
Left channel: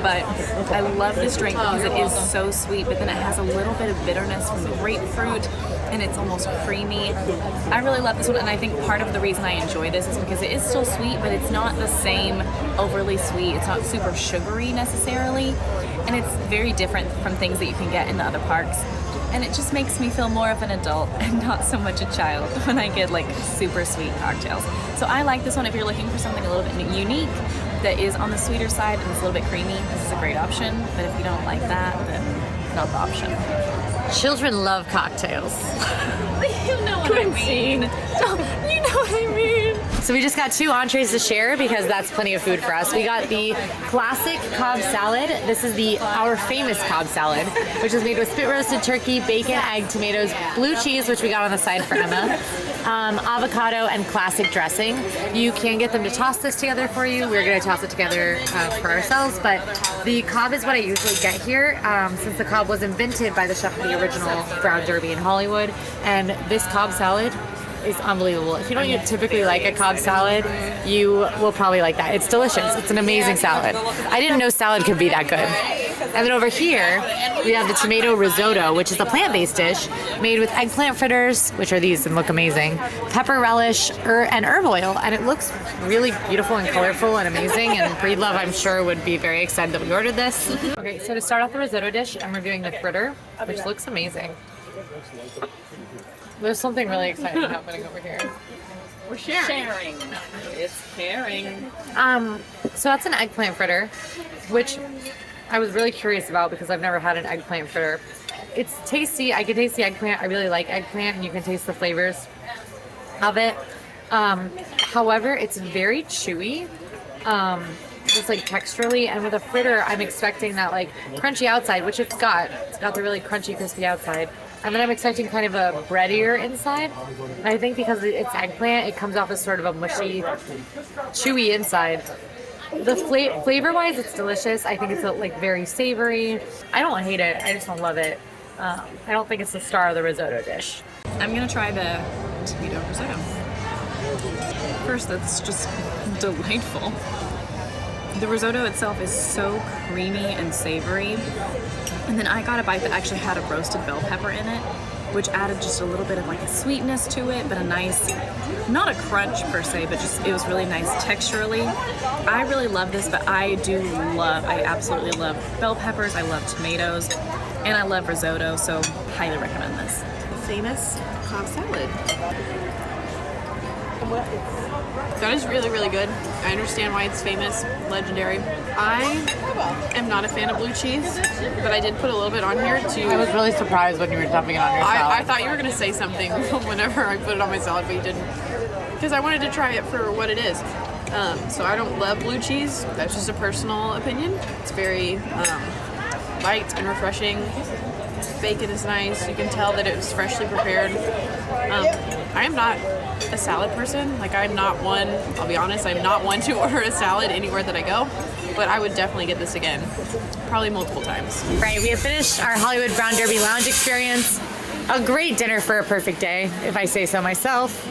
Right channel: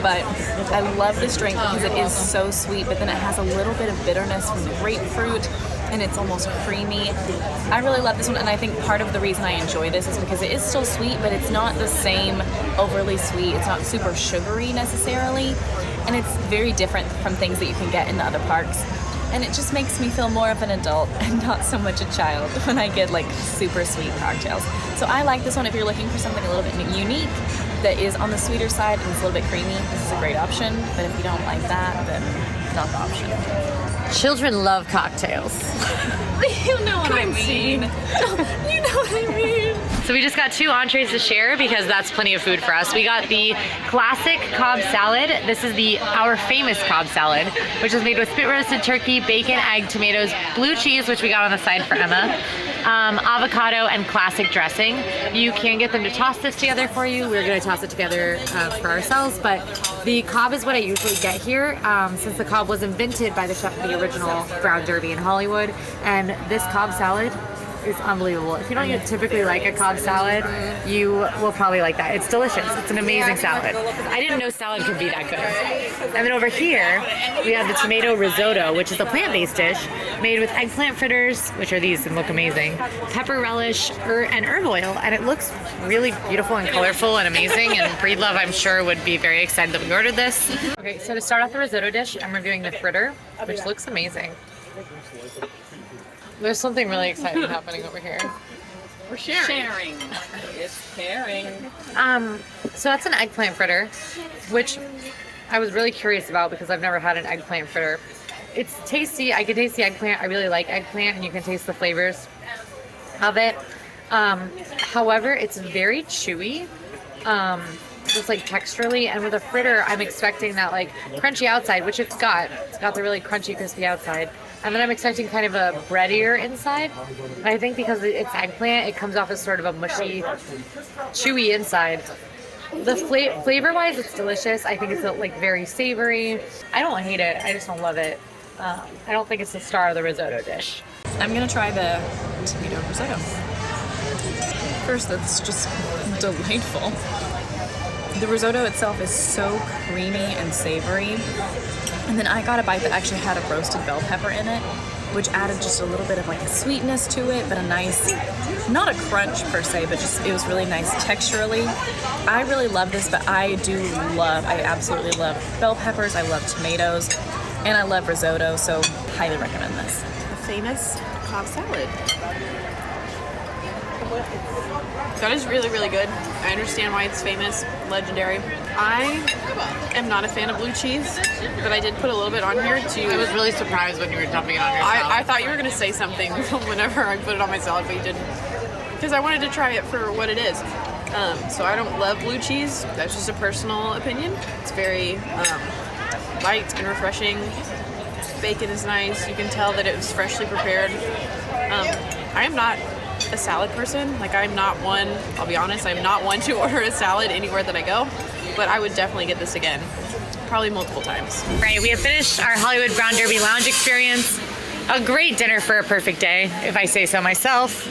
but I love this drink because it is so sweet, but then it has a little bit of bitterness from the grapefruit, and it's almost creamy. I really love this one, and I think part of the reason I enjoy this is because it is still sweet, but it's not the same overly sweet. It's not super sugary necessarily, and it's very different from things that you can get in the other parks. And it just makes me feel more of an adult and not so much a child when I get like super sweet cocktails. So I like this one if you're looking for something a little bit unique that is on the sweeter side and it's a little bit creamy. This is a great option, but if you don't like that, then not the option. Children love cocktails. You know what I mean. You know what I mean. So we just got 2 entrees to share because that's plenty of food for us. We got the classic Cobb salad. This is our famous Cobb salad, which is made with spit roasted turkey, bacon, egg, tomatoes, blue cheese, which we got on the side for Emma, avocado, and classic dressing. You can get them to toss this together for you. We're gonna toss it together for ourselves, but the Cobb is what I usually get here since the Cobb was invented by the chef of the original Brown Derby in Hollywood. And this Cobb salad is unbelievable. If you don't typically like a Cobb salad, you will probably like that. It's delicious. It's an amazing salad. I didn't know salad could be that good. And then over here, we have the tomato risotto, which is a plant-based dish made with eggplant fritters, which are these and look amazing, pepper relish, and herb oil. And it looks really beautiful and colorful and amazing. And Breedlove, I'm sure, would be very excited that we ordered this. Okay, so to start off the risotto dish, I'm reviewing the fritter, which looks amazing. There's something really exciting happening over here. We're sharing. It's caring. So that's an eggplant fritter, which I was really curious about because I've never had an eggplant fritter. It's tasty. I can taste the eggplant. I really like eggplant, and you can taste the flavors of it. However, it's very chewy, just like texturally. And with a fritter, I'm expecting that like crunchy outside, which it's got. It's got the really crunchy, crispy outside. And then I'm expecting kind of a breadier inside. And I think because it's eggplant, it comes off as sort of a mushy, chewy inside. The flavor-wise, it's delicious. I think it's like very savory. I don't hate it. I just don't love it. I don't think it's the star of the risotto dish. I'm gonna try the tomato risotto. First, that's just delightful. The risotto itself is so creamy and savory. And then I got a bite that actually had a roasted bell pepper in it, which added just a little bit of like a sweetness to it, but a nice, not a crunch per se, but just it was really nice texturally. I really love this, but I absolutely love bell peppers, I love tomatoes, and I love risotto, so highly recommend this. The famous Cobb salad. That is really, really good. I understand why it's famous, legendary. I am not a fan of blue cheese, but I did put a little bit on here to... I was really surprised when you were dumping it on your salad. I thought you were going to say something whenever I put it on my salad, but you didn't. Because I wanted to try it for what it is. So I don't love blue cheese. That's just a personal opinion. It's very light and refreshing. Bacon is nice. You can tell that it was freshly prepared. I am not a salad person. Like, I'm not one, I'll be honest, I'm not one to order a salad anywhere that I go, but I would definitely get this again, probably multiple times. Right, we have finished our Hollywood Brown Derby Lounge experience. A great dinner for a perfect day, if I say so myself.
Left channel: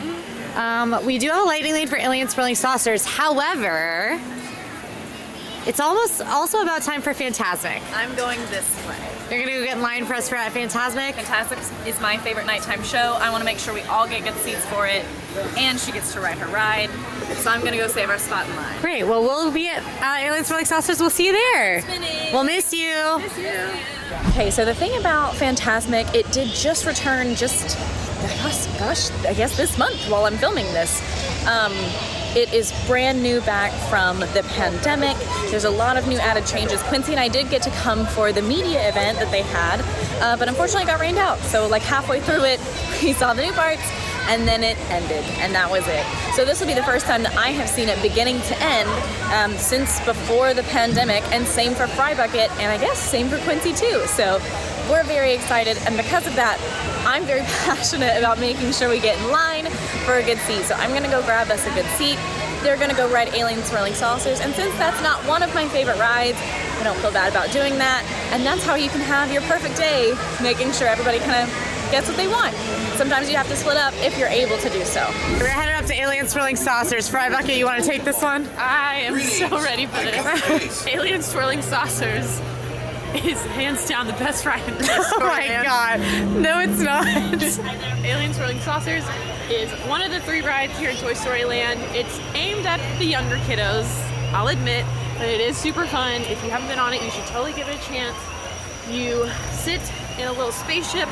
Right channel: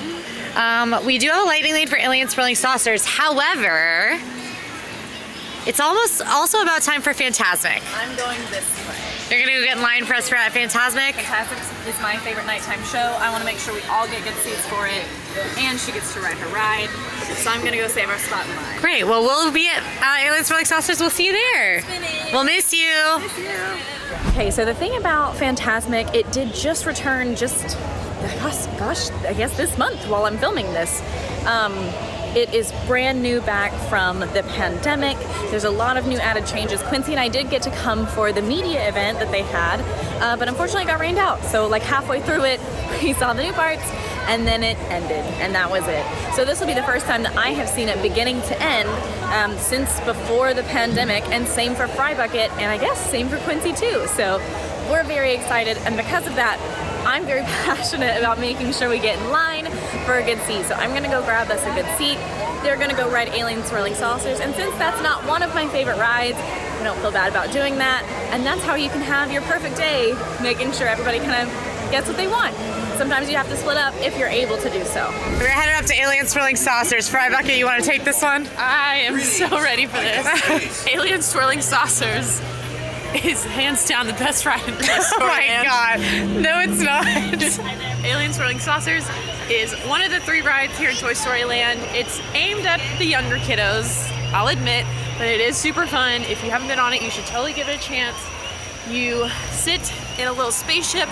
We do have a lightning lane for alien swirling saucers. However, it's almost also about time for Fantasmic. I'm going this way. You're gonna go get in line for us for Fantasmic? Fantasmic is my favorite nighttime show. I want to make sure we all get good seats for it, and she gets to ride her ride. So I'm gonna go save our spot in line. Great. Well, we'll be at Alien Swirling Saucers. We'll see you there. We'll miss you. Okay, so the thing about Fantasmic, it did just return I guess this month while I'm filming this. It is brand new back from the pandemic. There's a lot of new added changes. Quincy and I did get to come for the media event that they had, but unfortunately it got rained out. So like halfway through it, we saw the new parts and then it ended and that was it. So this will be the first time that I have seen it beginning to end since before the pandemic, and same for Fry Bucket, and I guess same for Quincy too. So we're very excited, and because of that, I'm very passionate about making sure we get in line for a good seat. So I'm gonna go grab us a good seat. They're gonna go ride Alien Swirling Saucers, and since that's not one of my favorite rides, I don't feel bad about doing that. And that's how you can have your perfect day, making sure everybody kind of gets what they want. Sometimes you have to split up if you're able to do so. We're headed up to Alien Swirling Saucers. Fry Bucket, you wanna take this one? I am so ready for this. Alien Swirling Saucers is hands down the best ride in Toy Story. Oh my god. No, it's not. Alien Swirling Saucers is one of the 3 rides here in Toy Story Land. It's aimed at the younger kiddos, I'll admit, but it is super fun. If you haven't been on it, you should totally give it a chance. You sit in a little spaceship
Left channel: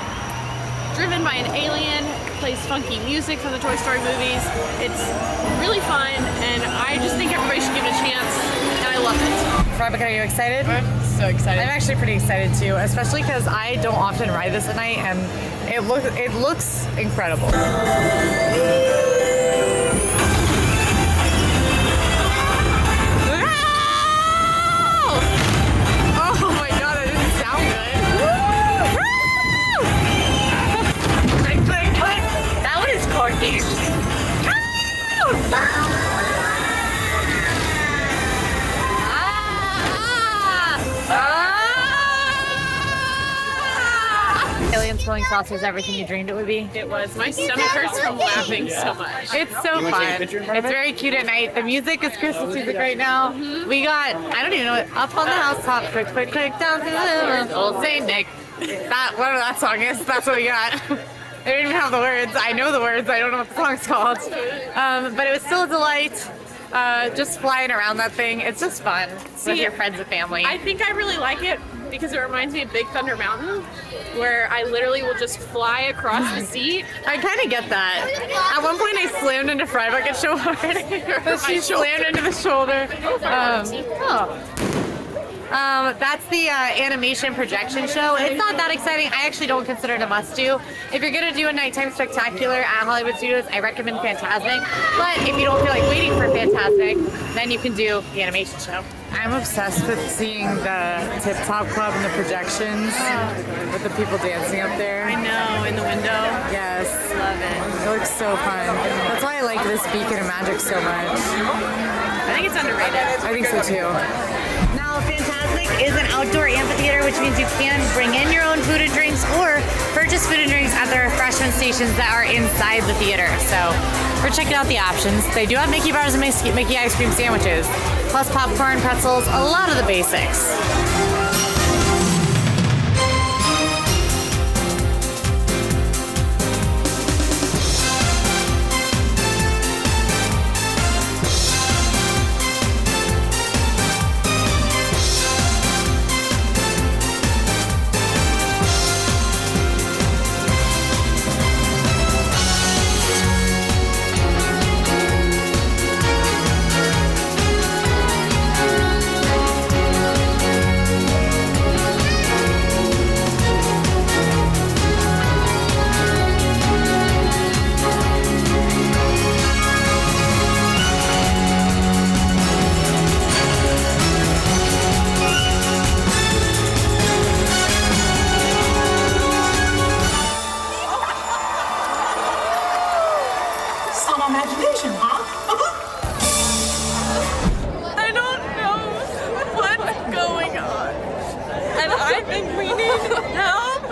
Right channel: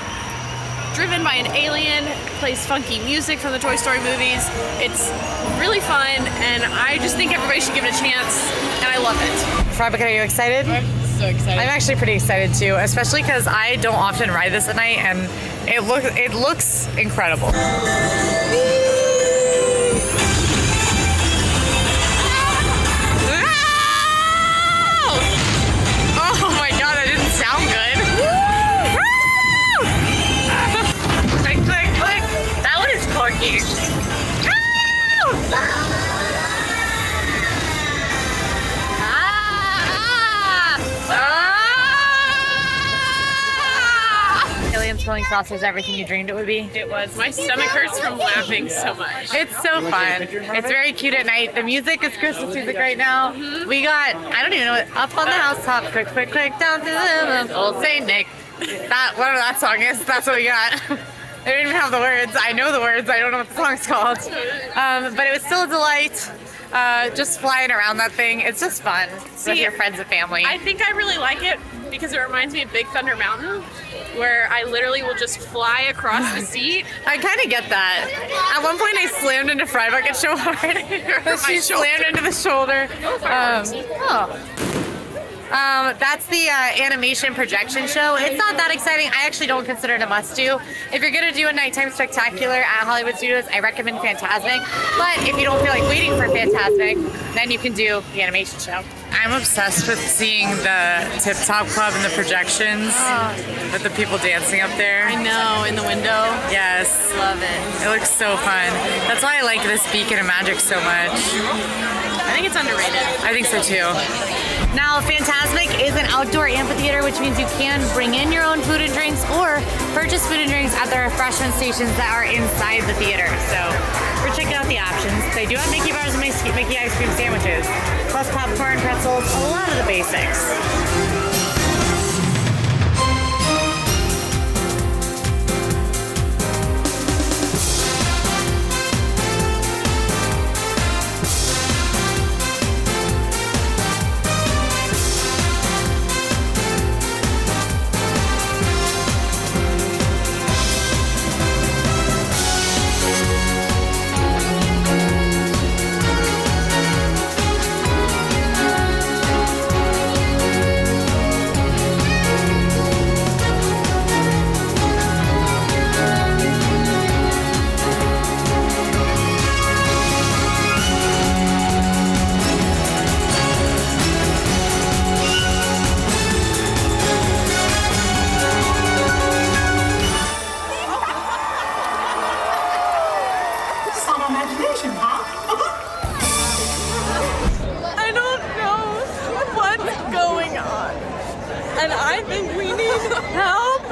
driven by an alien, plays funky music from the Toy Story movies. It's really fun, and I just think everybody should give it a chance, and I love it. Fry Bucket, are you excited? I'm so excited. I'm actually pretty excited too, especially because I don't often ride this at night, and it looks incredible. Oh my god, that didn't sound good. Click, click, click. That one is corky. Alien spilling saucer is everything you dreamed it would be. It was. My stomach hurts from laughing so much. It's so fun. It's very cute at night. The music is Christmas music right now. We got, I don't even know it, up on the housetop, quick, quick, quick, down to the old Saint Nick. Whatever that song is, that's what we got. They don't even have the words. I know the words. I don't know what the song's called. But it was still a delight. Just flying around that thing. It's just fun with your friends and family. I think I really like it because it reminds me of Big Thunder Mountain, where I literally will just fly across the seat. I kind of get that. At one point, I slammed into Fry Bucket so hard. She slammed into the shoulder. That's the animation projection show. It's not that exciting. I actually don't consider it a must-do. If you're going to do a nighttime spectacular at Hollywood Studios, I recommend Fantasmic. But if you don't feel like waiting for Fantasmic, then you can do the animation show. I'm obsessed with seeing the Tip Top Club and the projections with the people dancing up there. I know, in the window. Yes. Love it. It looks so fun. That's why I like this Beacon of Magic so much. I think it's underrated. I think so too. Now, Fantasmic is an outdoor amphitheater, which means you can bring in your own food and drinks or purchase food and drinks at the refreshment stations that are inside the theater. So we're checking out the options. They do have Mickey bars and Mickey ice cream sandwiches, plus popcorn, pretzels, a lot of the basics. I don't know what's going on, and I think we need help.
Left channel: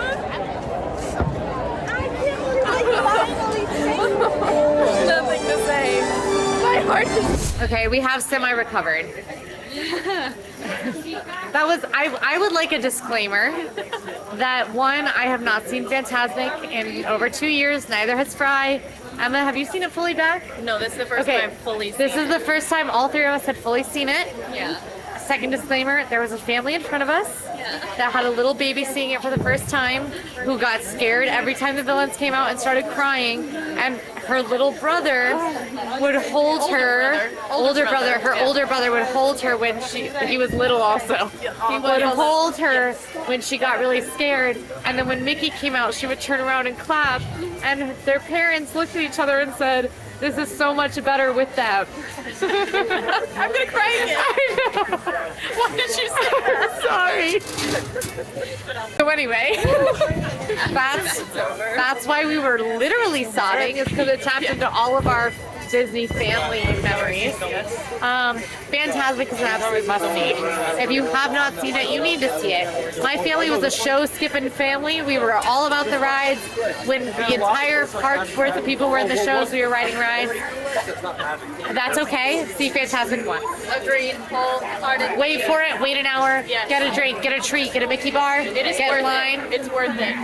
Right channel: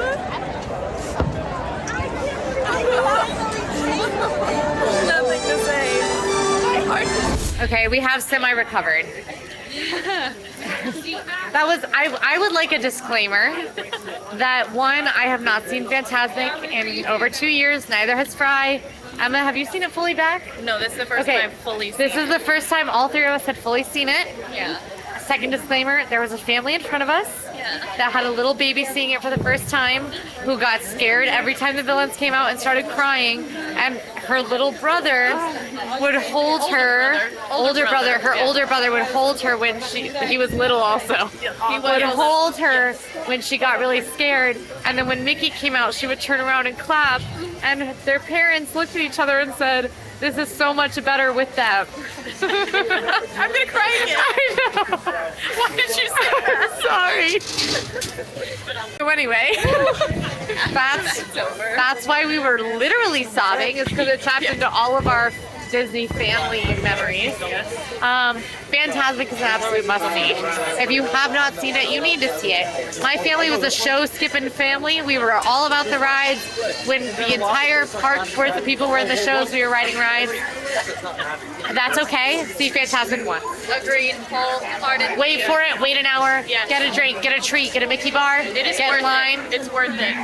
Nothing to say. Okay, we have semi-recovered. That was, I would like a disclaimer that one, I have not seen Fantasmic in over 2 years, neither has Fry. Emma, have you seen it fully back? No, this is the first time I've fully seen This is the first time all three of us had fully seen it. Yeah. Second disclaimer, there was a family in front of us that had a little baby seeing it for the first time who got scared every time the villains came out and started crying, and her little brother would hold her, older brother would hold her when he was little also, would hold her when she got really scared, and then when Mickey came out she would turn around and clap, and their parents looked at each other and said, "This is so much better with them." I'm gonna cry again. I know. Why did you say that? Sorry. So anyway, that's why we were literally sobbing, is because it tapped into all of our Disney family memories. Fantasmic is an absolute must-see. If you have not seen it, you need to see it. My family was a show-skipping family. We were all about the rides. When the entire park's worth of people were in the shows, we were riding rides. That's okay. See Fantasmic once. Agreed. Wholehearted. Wait for it. Wait an hour. Yes. Get a drink. Get a treat. Get a Mickey bar. It is get worth in line. It's worth it.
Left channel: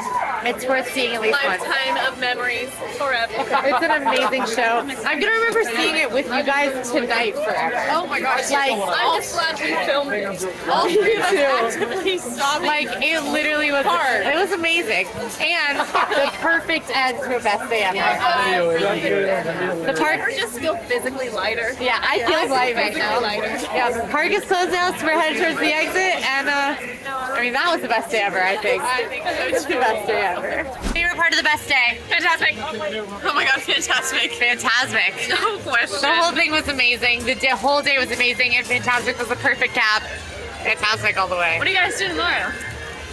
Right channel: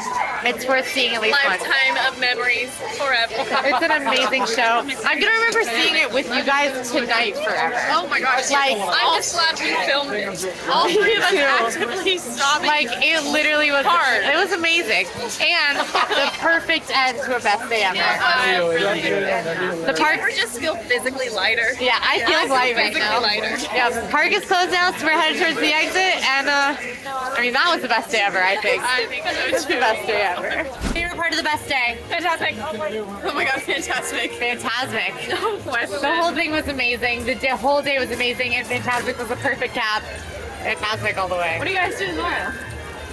It's worth seeing at least once. Lifetime of memories forever. It's an amazing show. I'm gonna remember seeing it with you guys tonight forever. Oh my gosh. Like, I'm just glad we filmed it. all Me you too. actively stopping. Like, it literally was hard. It was amazing. And the perfect end to a best day ever. The park just feel physically lighter. Yeah, I feel light right now. Lighter. Yeah, the park is closed now, so we're headed towards the exit, and I mean, that was the best day ever, I think. I think so It's the best day ever. Favorite part of the best day? Fantastic. Oh my god, fantastic. Fantastic. No question. The whole thing was amazing. The whole day was amazing, and Fantastic was the perfect cap. Fantastic all the way. What do you guys do tomorrow?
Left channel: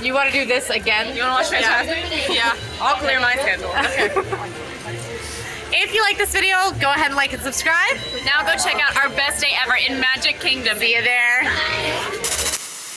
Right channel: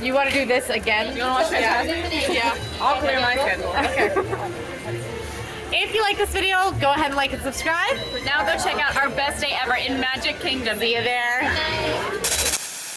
You want to do this again? You want to watch Fantastic? Yeah. I'll clear my schedule. Okay. If you like this video, go ahead and like and subscribe. Now go check out our best day ever in Magic Kingdom. See you there.